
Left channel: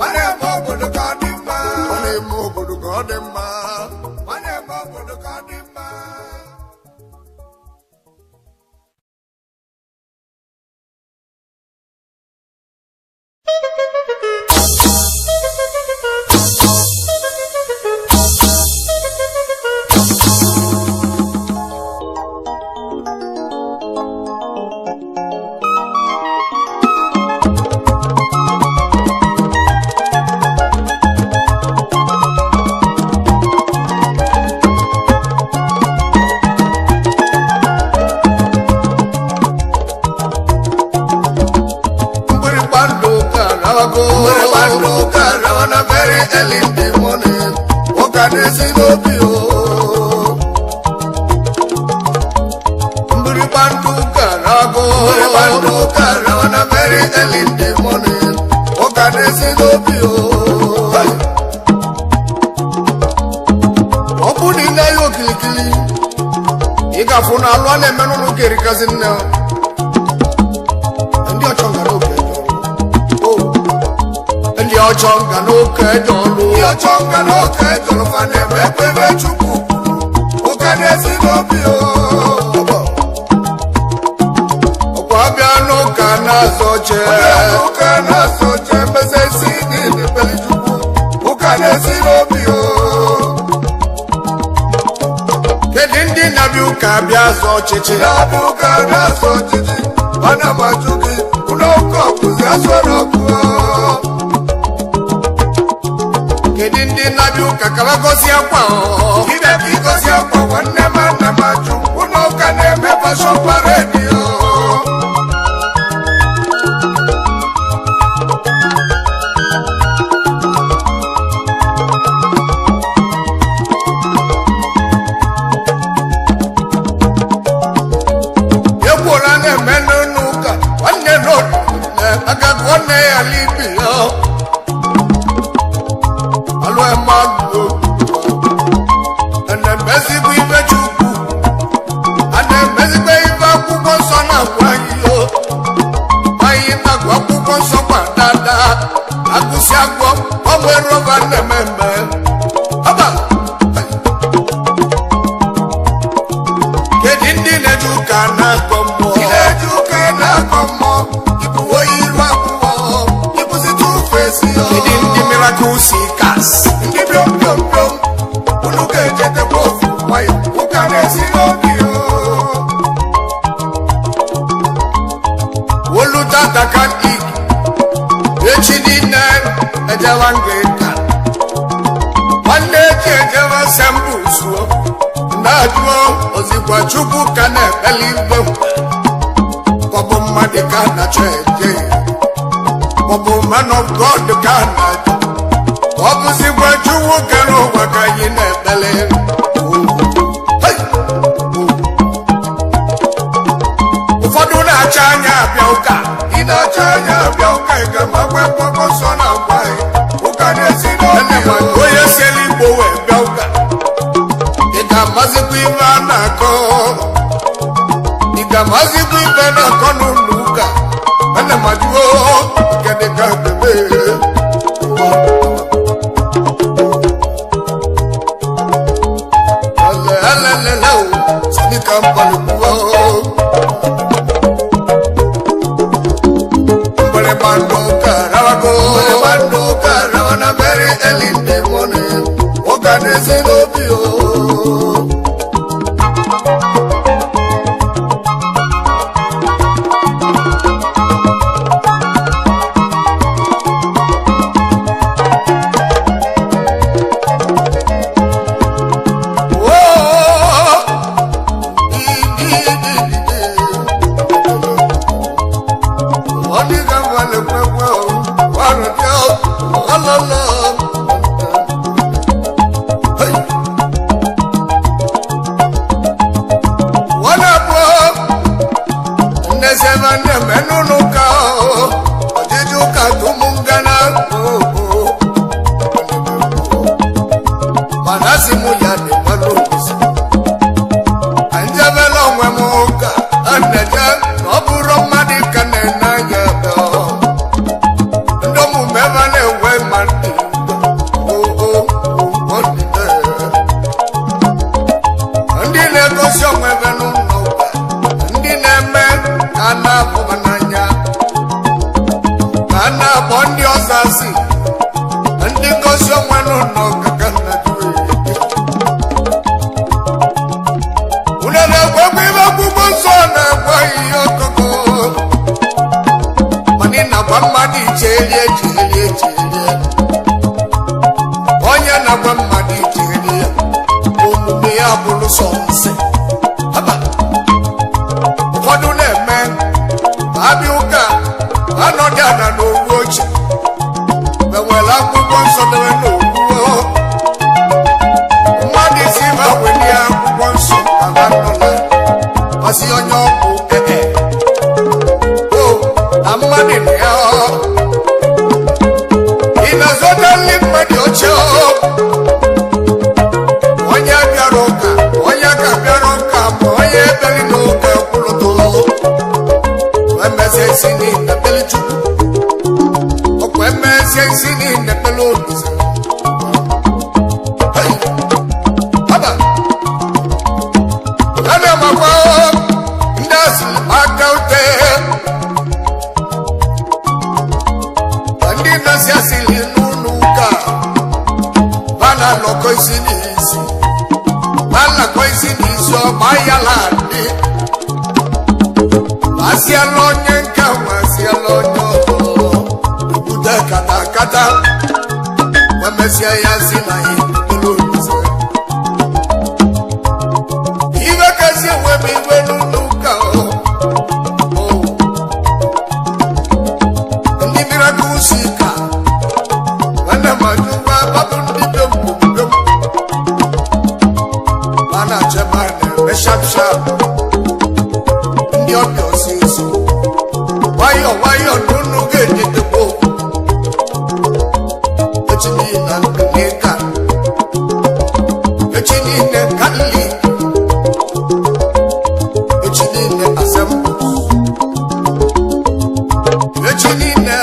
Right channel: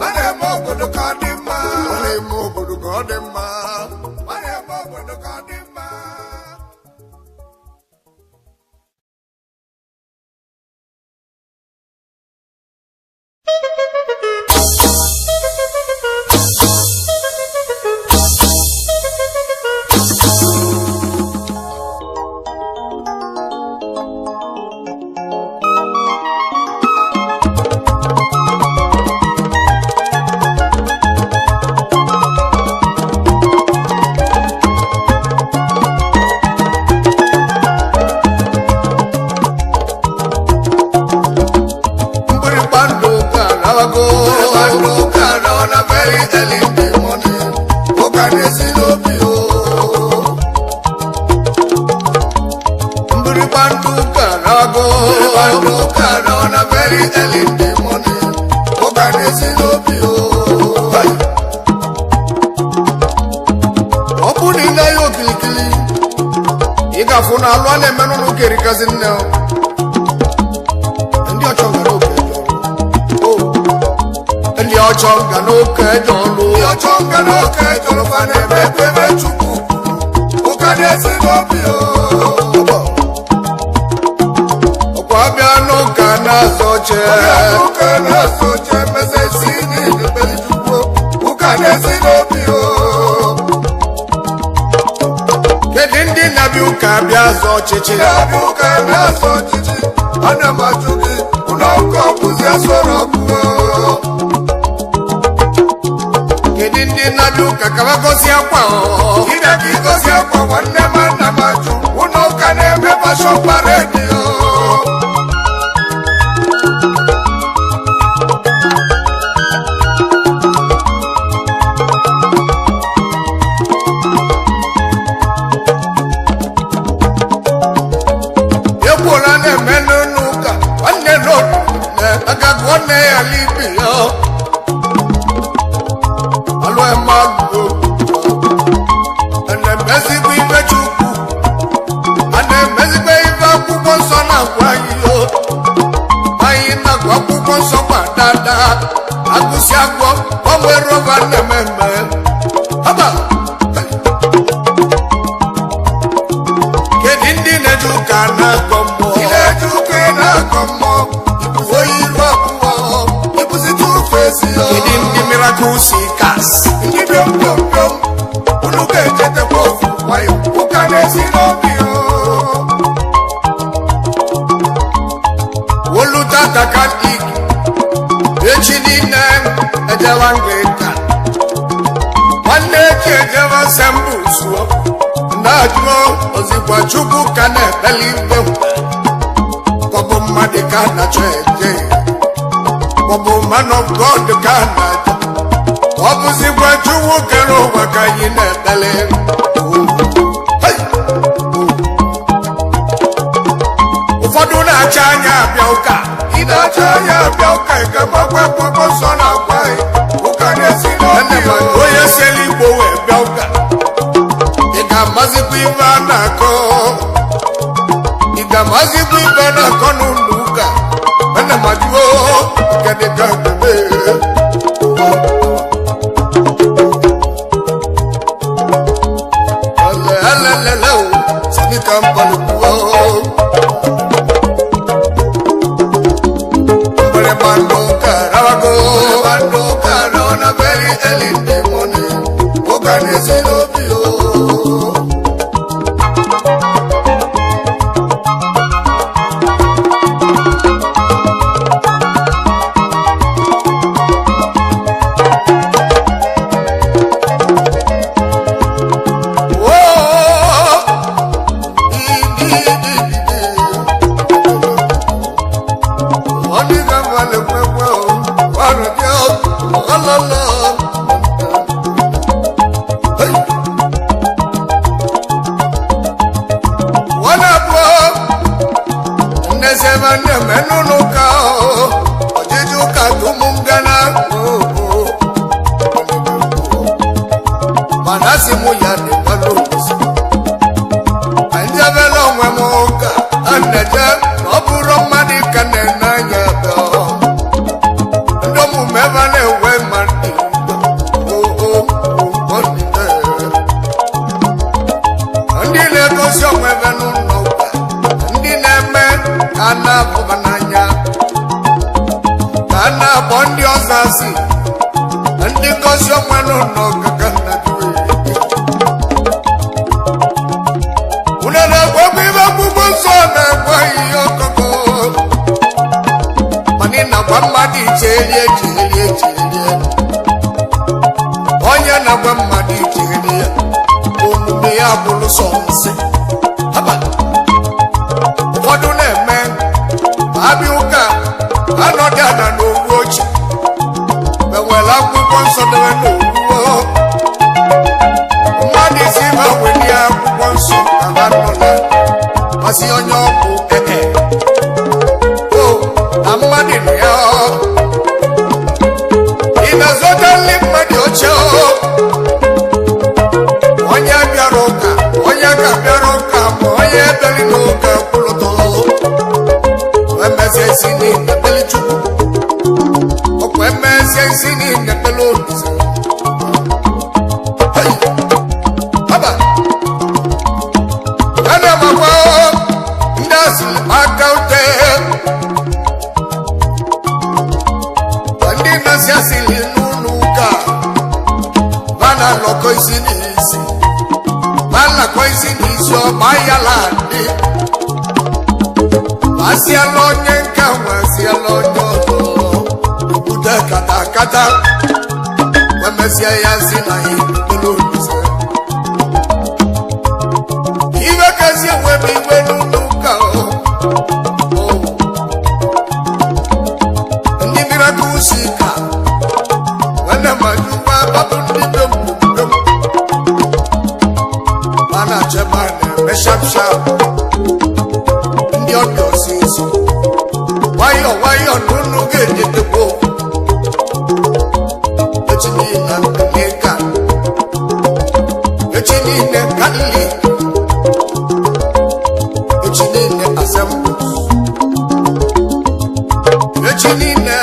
ma na-eme obodo ka ọ dị mma ma na-eme obodo ka ọ dị mma ma na-eme obodo ka ọ dị mma. Ochonga no kedolu ochonga no kedolu fane mepebe chuku ukanesi lobio okwabia no kana soche mesesi ni chuku ukanesi lobio kedindi nabi ukabia soche nabi ukabia soche ana machuki unoko kuzia soroku kedindi nabi ukakaba gosi akwa ibe ki gosi akwa wanne manna maju uno kaneme fashion parade yekwora ne menunuka wanne no agagone alibio Agusi agwo onwe rova nememe haba kedindi nejuka na komo oyiru abuo ibusi tu face kedindi miracle kas ndi dom unu ke jete kofu wayo ukanesi no bio wolu tata kan ik echidina ejawangeta wanne chejewa sambusu ndajuo ozikwa chubu kana believe kobo madika na cheje kobo man of God kana kobo zikwa chubu kano wakayine bele ufodu na chanya biauka inachanya biauka ikamagwe popo sona kwai ukanesi ene magoye selibo we biauka ikamazipiva nako nunuka ene majuo ikedeka bebe ale sani kampani kuwa Mando Karago na very elite one Okanesi lobio Nevane menunuka Ojijuka tumungana Manasi muyane malungisi Anjavelo mwemuka Aneja Noburo madika nenanya Ndomu mevane we madika Ndile kosyo mwevenu noka Ndine me Kana bubananya Kana bondi osasi Ndi kosyo mwenu noka Kana juwe Unene kwa kwiva kukonsone Kwa hiyo koko Manina kwa madi chelie Onye na kwa madi chelie Omume ya bulu sonse Haba Wadu neme Babi uka Anodana no woche Bewela kukonso dewe no uwo Madi siva wenia kukonso Kaganola Masi onyoku Oh Amadi neo Inazoda limadi ocho Onya biaroka Moye belinoka kuloto Wemese sini nebeli chuku Okwemese sini nebelo nise Hey Haba Kana makwao Ndasi lipakaute Wandi nasi asili nunuka Vana loko isinisi Bala kwa isinisyo bayalandi Wasialonye nka wasialonyoto Ubude kata Wemesia yazina inukelunise Iwe kasi wemi wenunuka Ndi mirakusika Wene majuwa babundi bembu Mana chemane meshap Ndi odio sisi Wayo nunu geje tebo Echinina neka Echinine kali Echinine asembus Echinine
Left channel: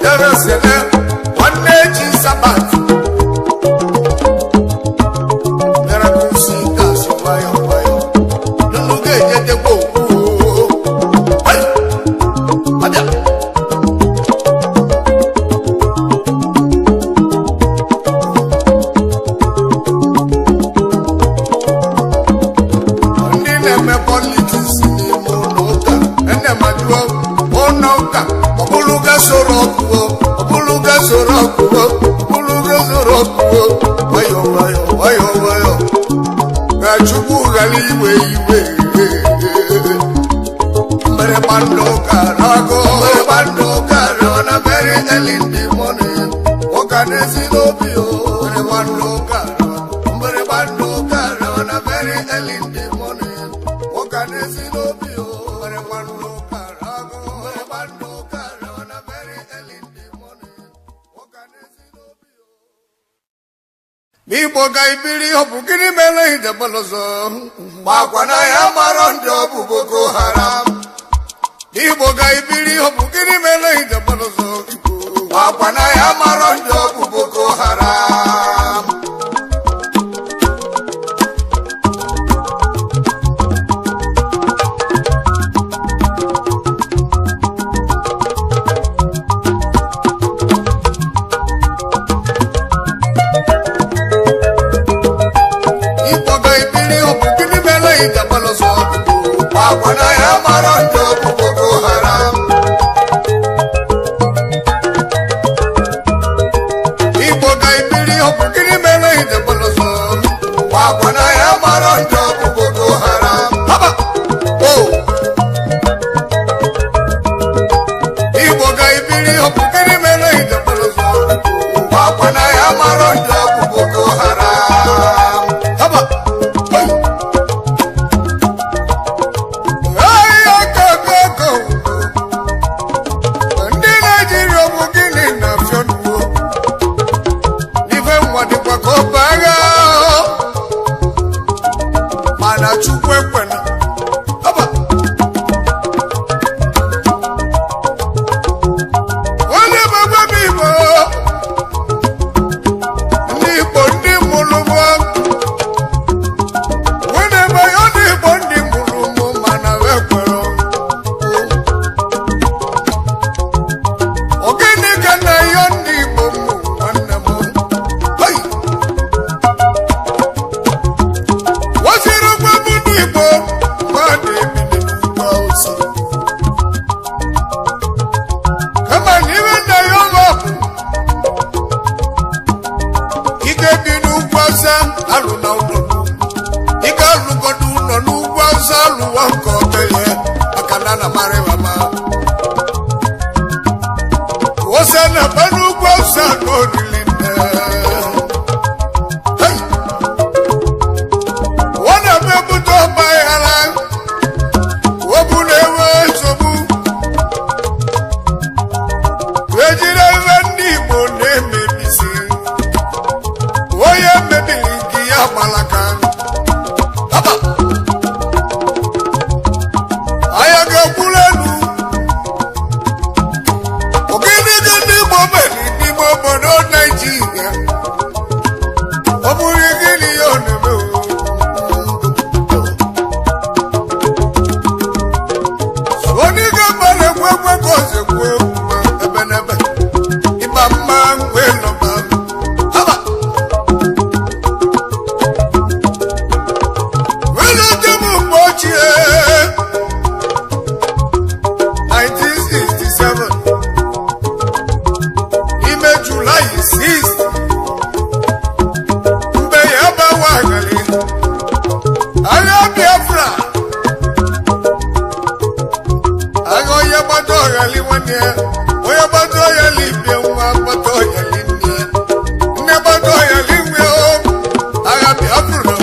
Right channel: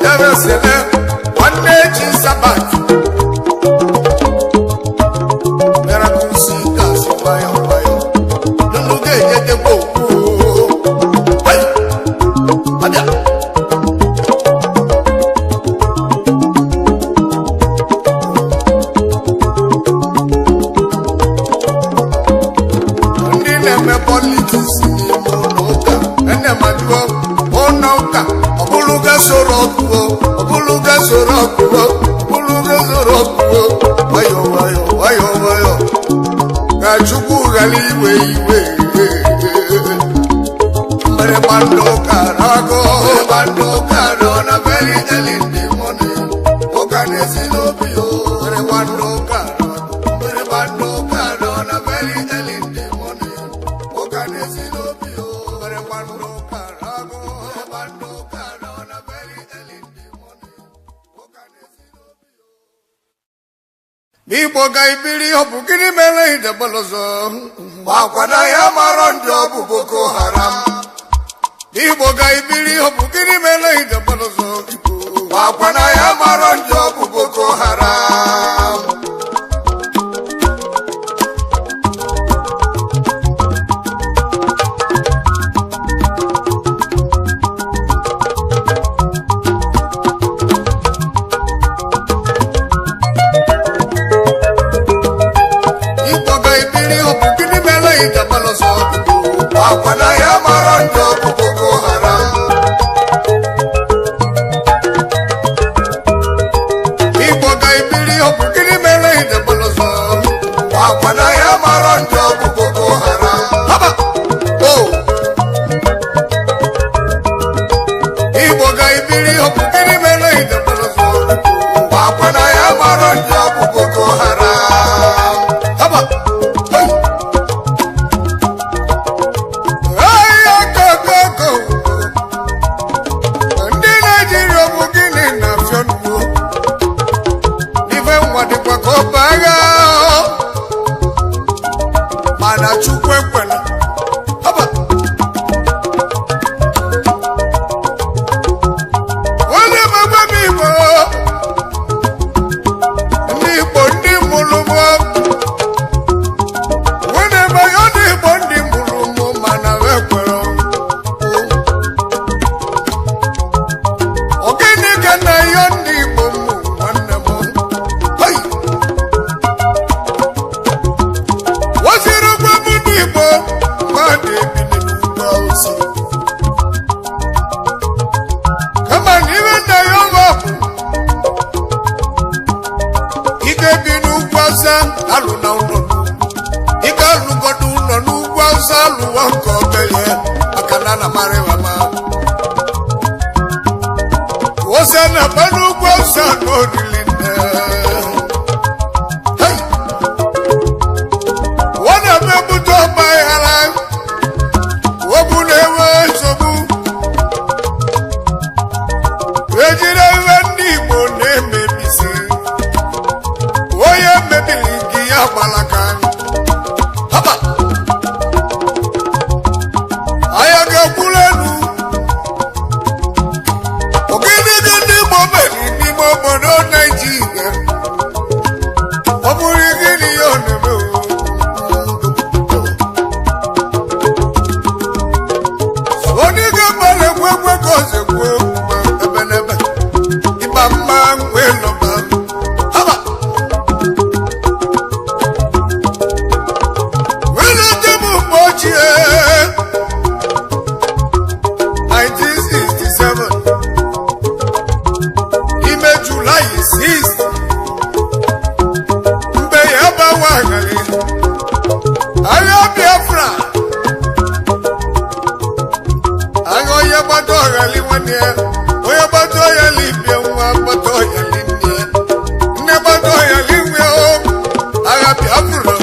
Eresele Wane chisabati Wayo Kachuku gali iwe Mbere bando karago na very early morning Okane silopio Mbere bando karago na very early morning Okane silopio Mbere bando karago na very early morning Okane silopio Bibo gaibiri hopukini mele ide balozo Wakwana ya marondo Boko Haram Bibo gaibiri hopukini mele ide balozo Wakwana ya marondo Boko Haram Wakwana ya marondo Boko Haram Ibo gaibiri hopukini mele ide balozo Wakwana ya marondo Boko Haram Haba Oh Ibo gaibiri hopukini mele ide balozo Wakwana ya marondo Boko Haram Haba Hey na chukwu ekwena haba onye megwe m igbo ndị igbo ndị mụrụ m onye megwe ndị igbo ndị mụrụ m mana ekwere ogene ka na ya ndị igbo m nwanne m waziri gwa m ndị igbo mmadụ ebili n'ugwu Awụsa kama na iwe na ya ọma bụ ị ga-ebi n'ugwu Awụsa alụ na ụlọ ị ga-alụgodo ụlọ n'ugwu Awụsa alụwa nke obele maka na na mara ma ose na mmanụ ugwu Awụsa n'orili nne ọ na-emepụta ọgba aghara obu na-enwe nsogbu ejiri ihe ndị Igbo na-emebisi onye mebiri nke ya gbalaka haba anya ga-ekwuru elu ogedege ndị Igbo meri n'ime obodo Naijiria ọ bụrụ gịnị ya ọ na-eme onye ga-agbara egwegwe ka ozekwu ebe n'ebe ịba mma wee lọba haba wee lọta m mgbe ochie 1967 n'ime Julaị 6 mgbe ya gbawa aghara agha Biafra agha onye gbata ọghali nwanne ya onye gbata ọghali ibie nwa gbata ọghali nne ya nne gbata ọghali nwe agha Biafra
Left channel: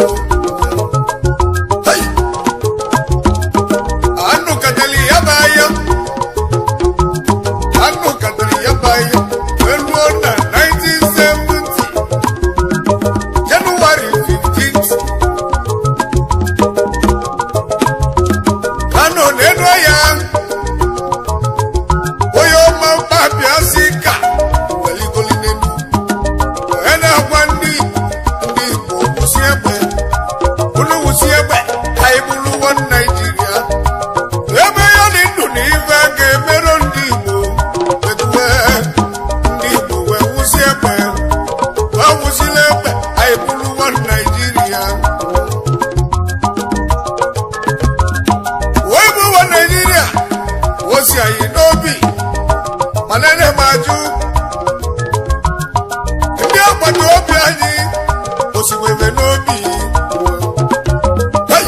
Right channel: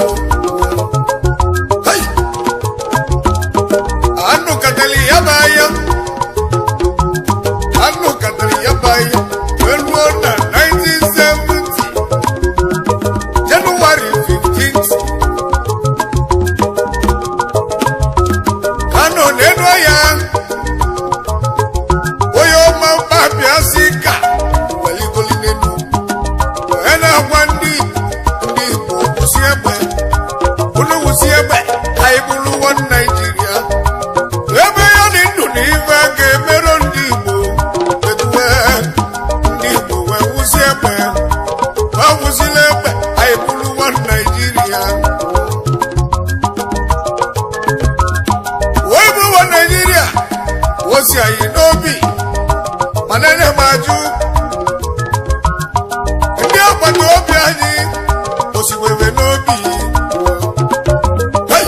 anụ katali ya bụ anya anụ katali ya bụ anya wee ruo na 1970 Jenụwarị 15th Kano na-enu ya onye ọma mkpabịa si ka weligoli n'elu onye na-agwa ndị Igbo kwụsị egbe unu wụsị egbe ka ị bụrụ nwa Naijiria ebe ya dị ndụ na ife ga-emerụ ndị Igbo etuwe ndị Igbo wee wụsị egbe wee wụsịla egbe ka ị bụrụ nwa Naijiria wee bụ nwa Naijiria wosi anyị n'obi mana ene m ajụ ndị agbata obi anyị osiwebe n'obi hey!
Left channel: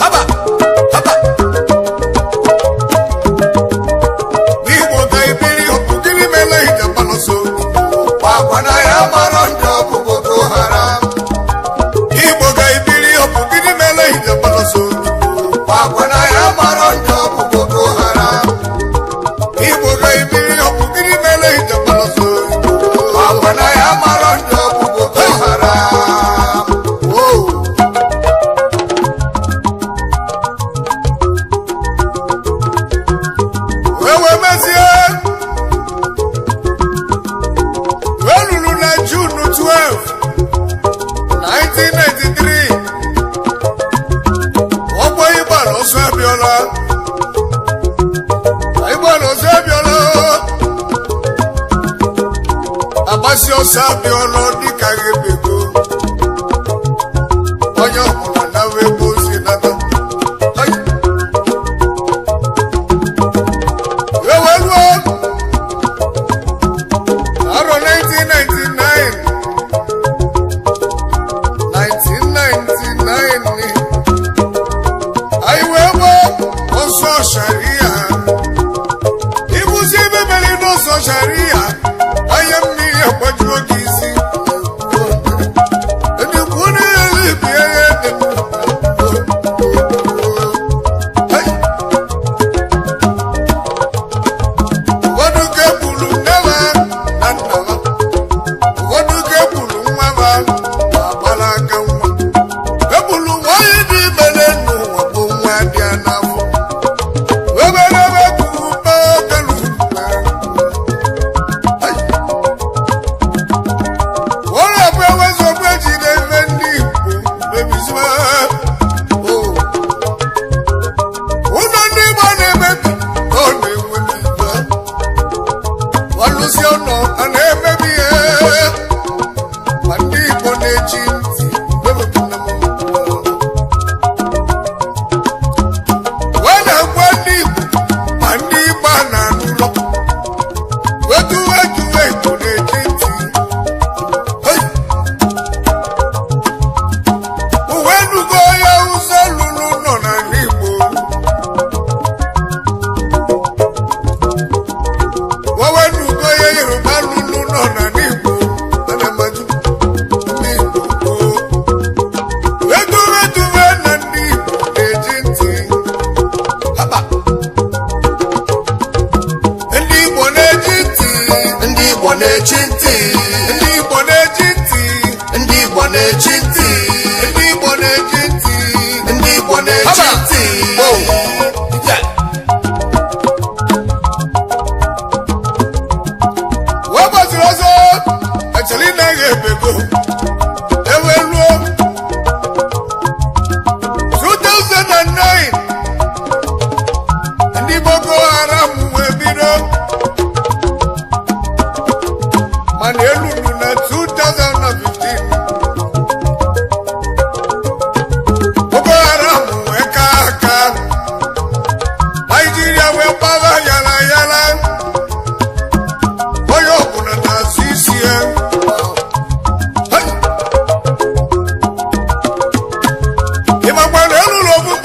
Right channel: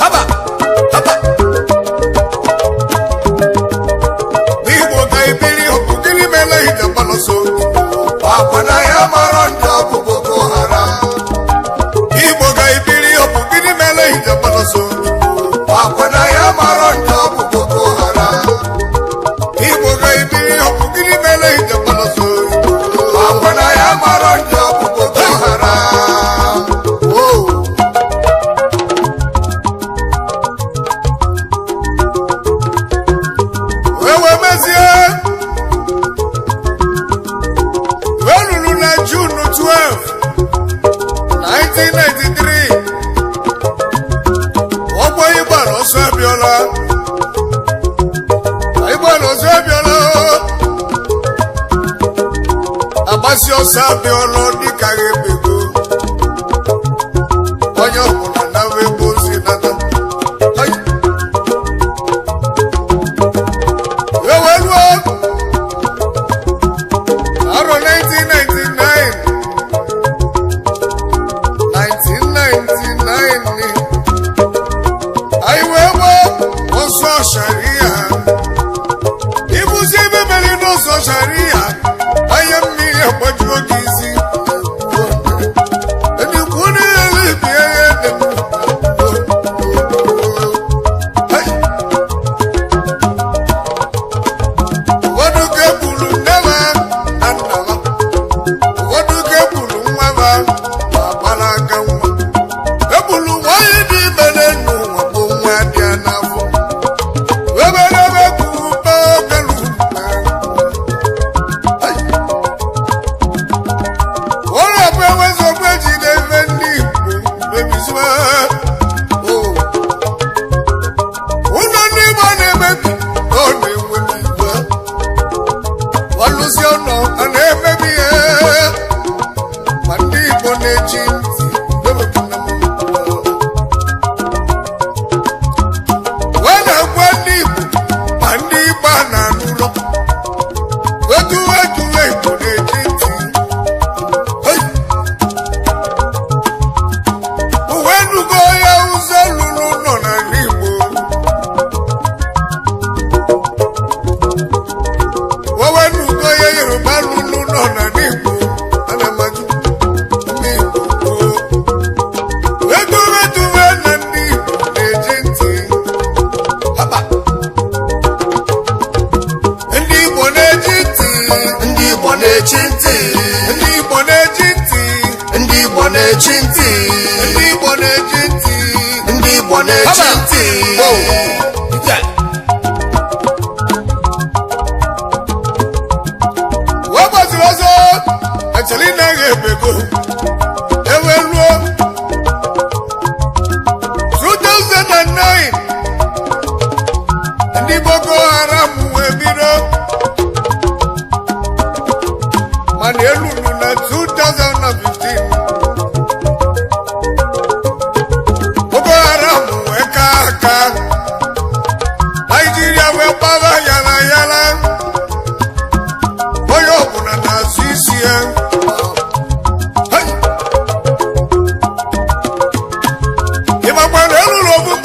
haba haba n'Igbo ga-ebiri ọbụ gịnị mere ije gbalọsọ Akwana ya mara ndị ọ bụ Boko Haram. Igbo ga-ebiri ọbụ gịnị mere ije gbalọsọ Akwana ya mara ndị ọ bụ Boko Haram. Igbo ga-ebiri ọbụ gịnị mere ije gbalọsọ Akwana ya mara ndị ọ bụ Boko Haram. Wow. Wee mezie wee lụrụ na June 12 1993 ọgbọ ịgbara ọsọ abịọla agbasi ọsọ abịọla dịka ebego onye ọbụla nawa ebe ozi nata wee ruo arọ 1999 anyị wee gbaa ọsọ sharia ịbụzi ebe mere n'ọsọ sharia anya mmiri agbajuo gị isi edikwu n'elu ibie ya ede ụfọdụ ga-egburu nne ha na nna ha ụfọdụ ga-egburu nwa ha ma gbara aka nwa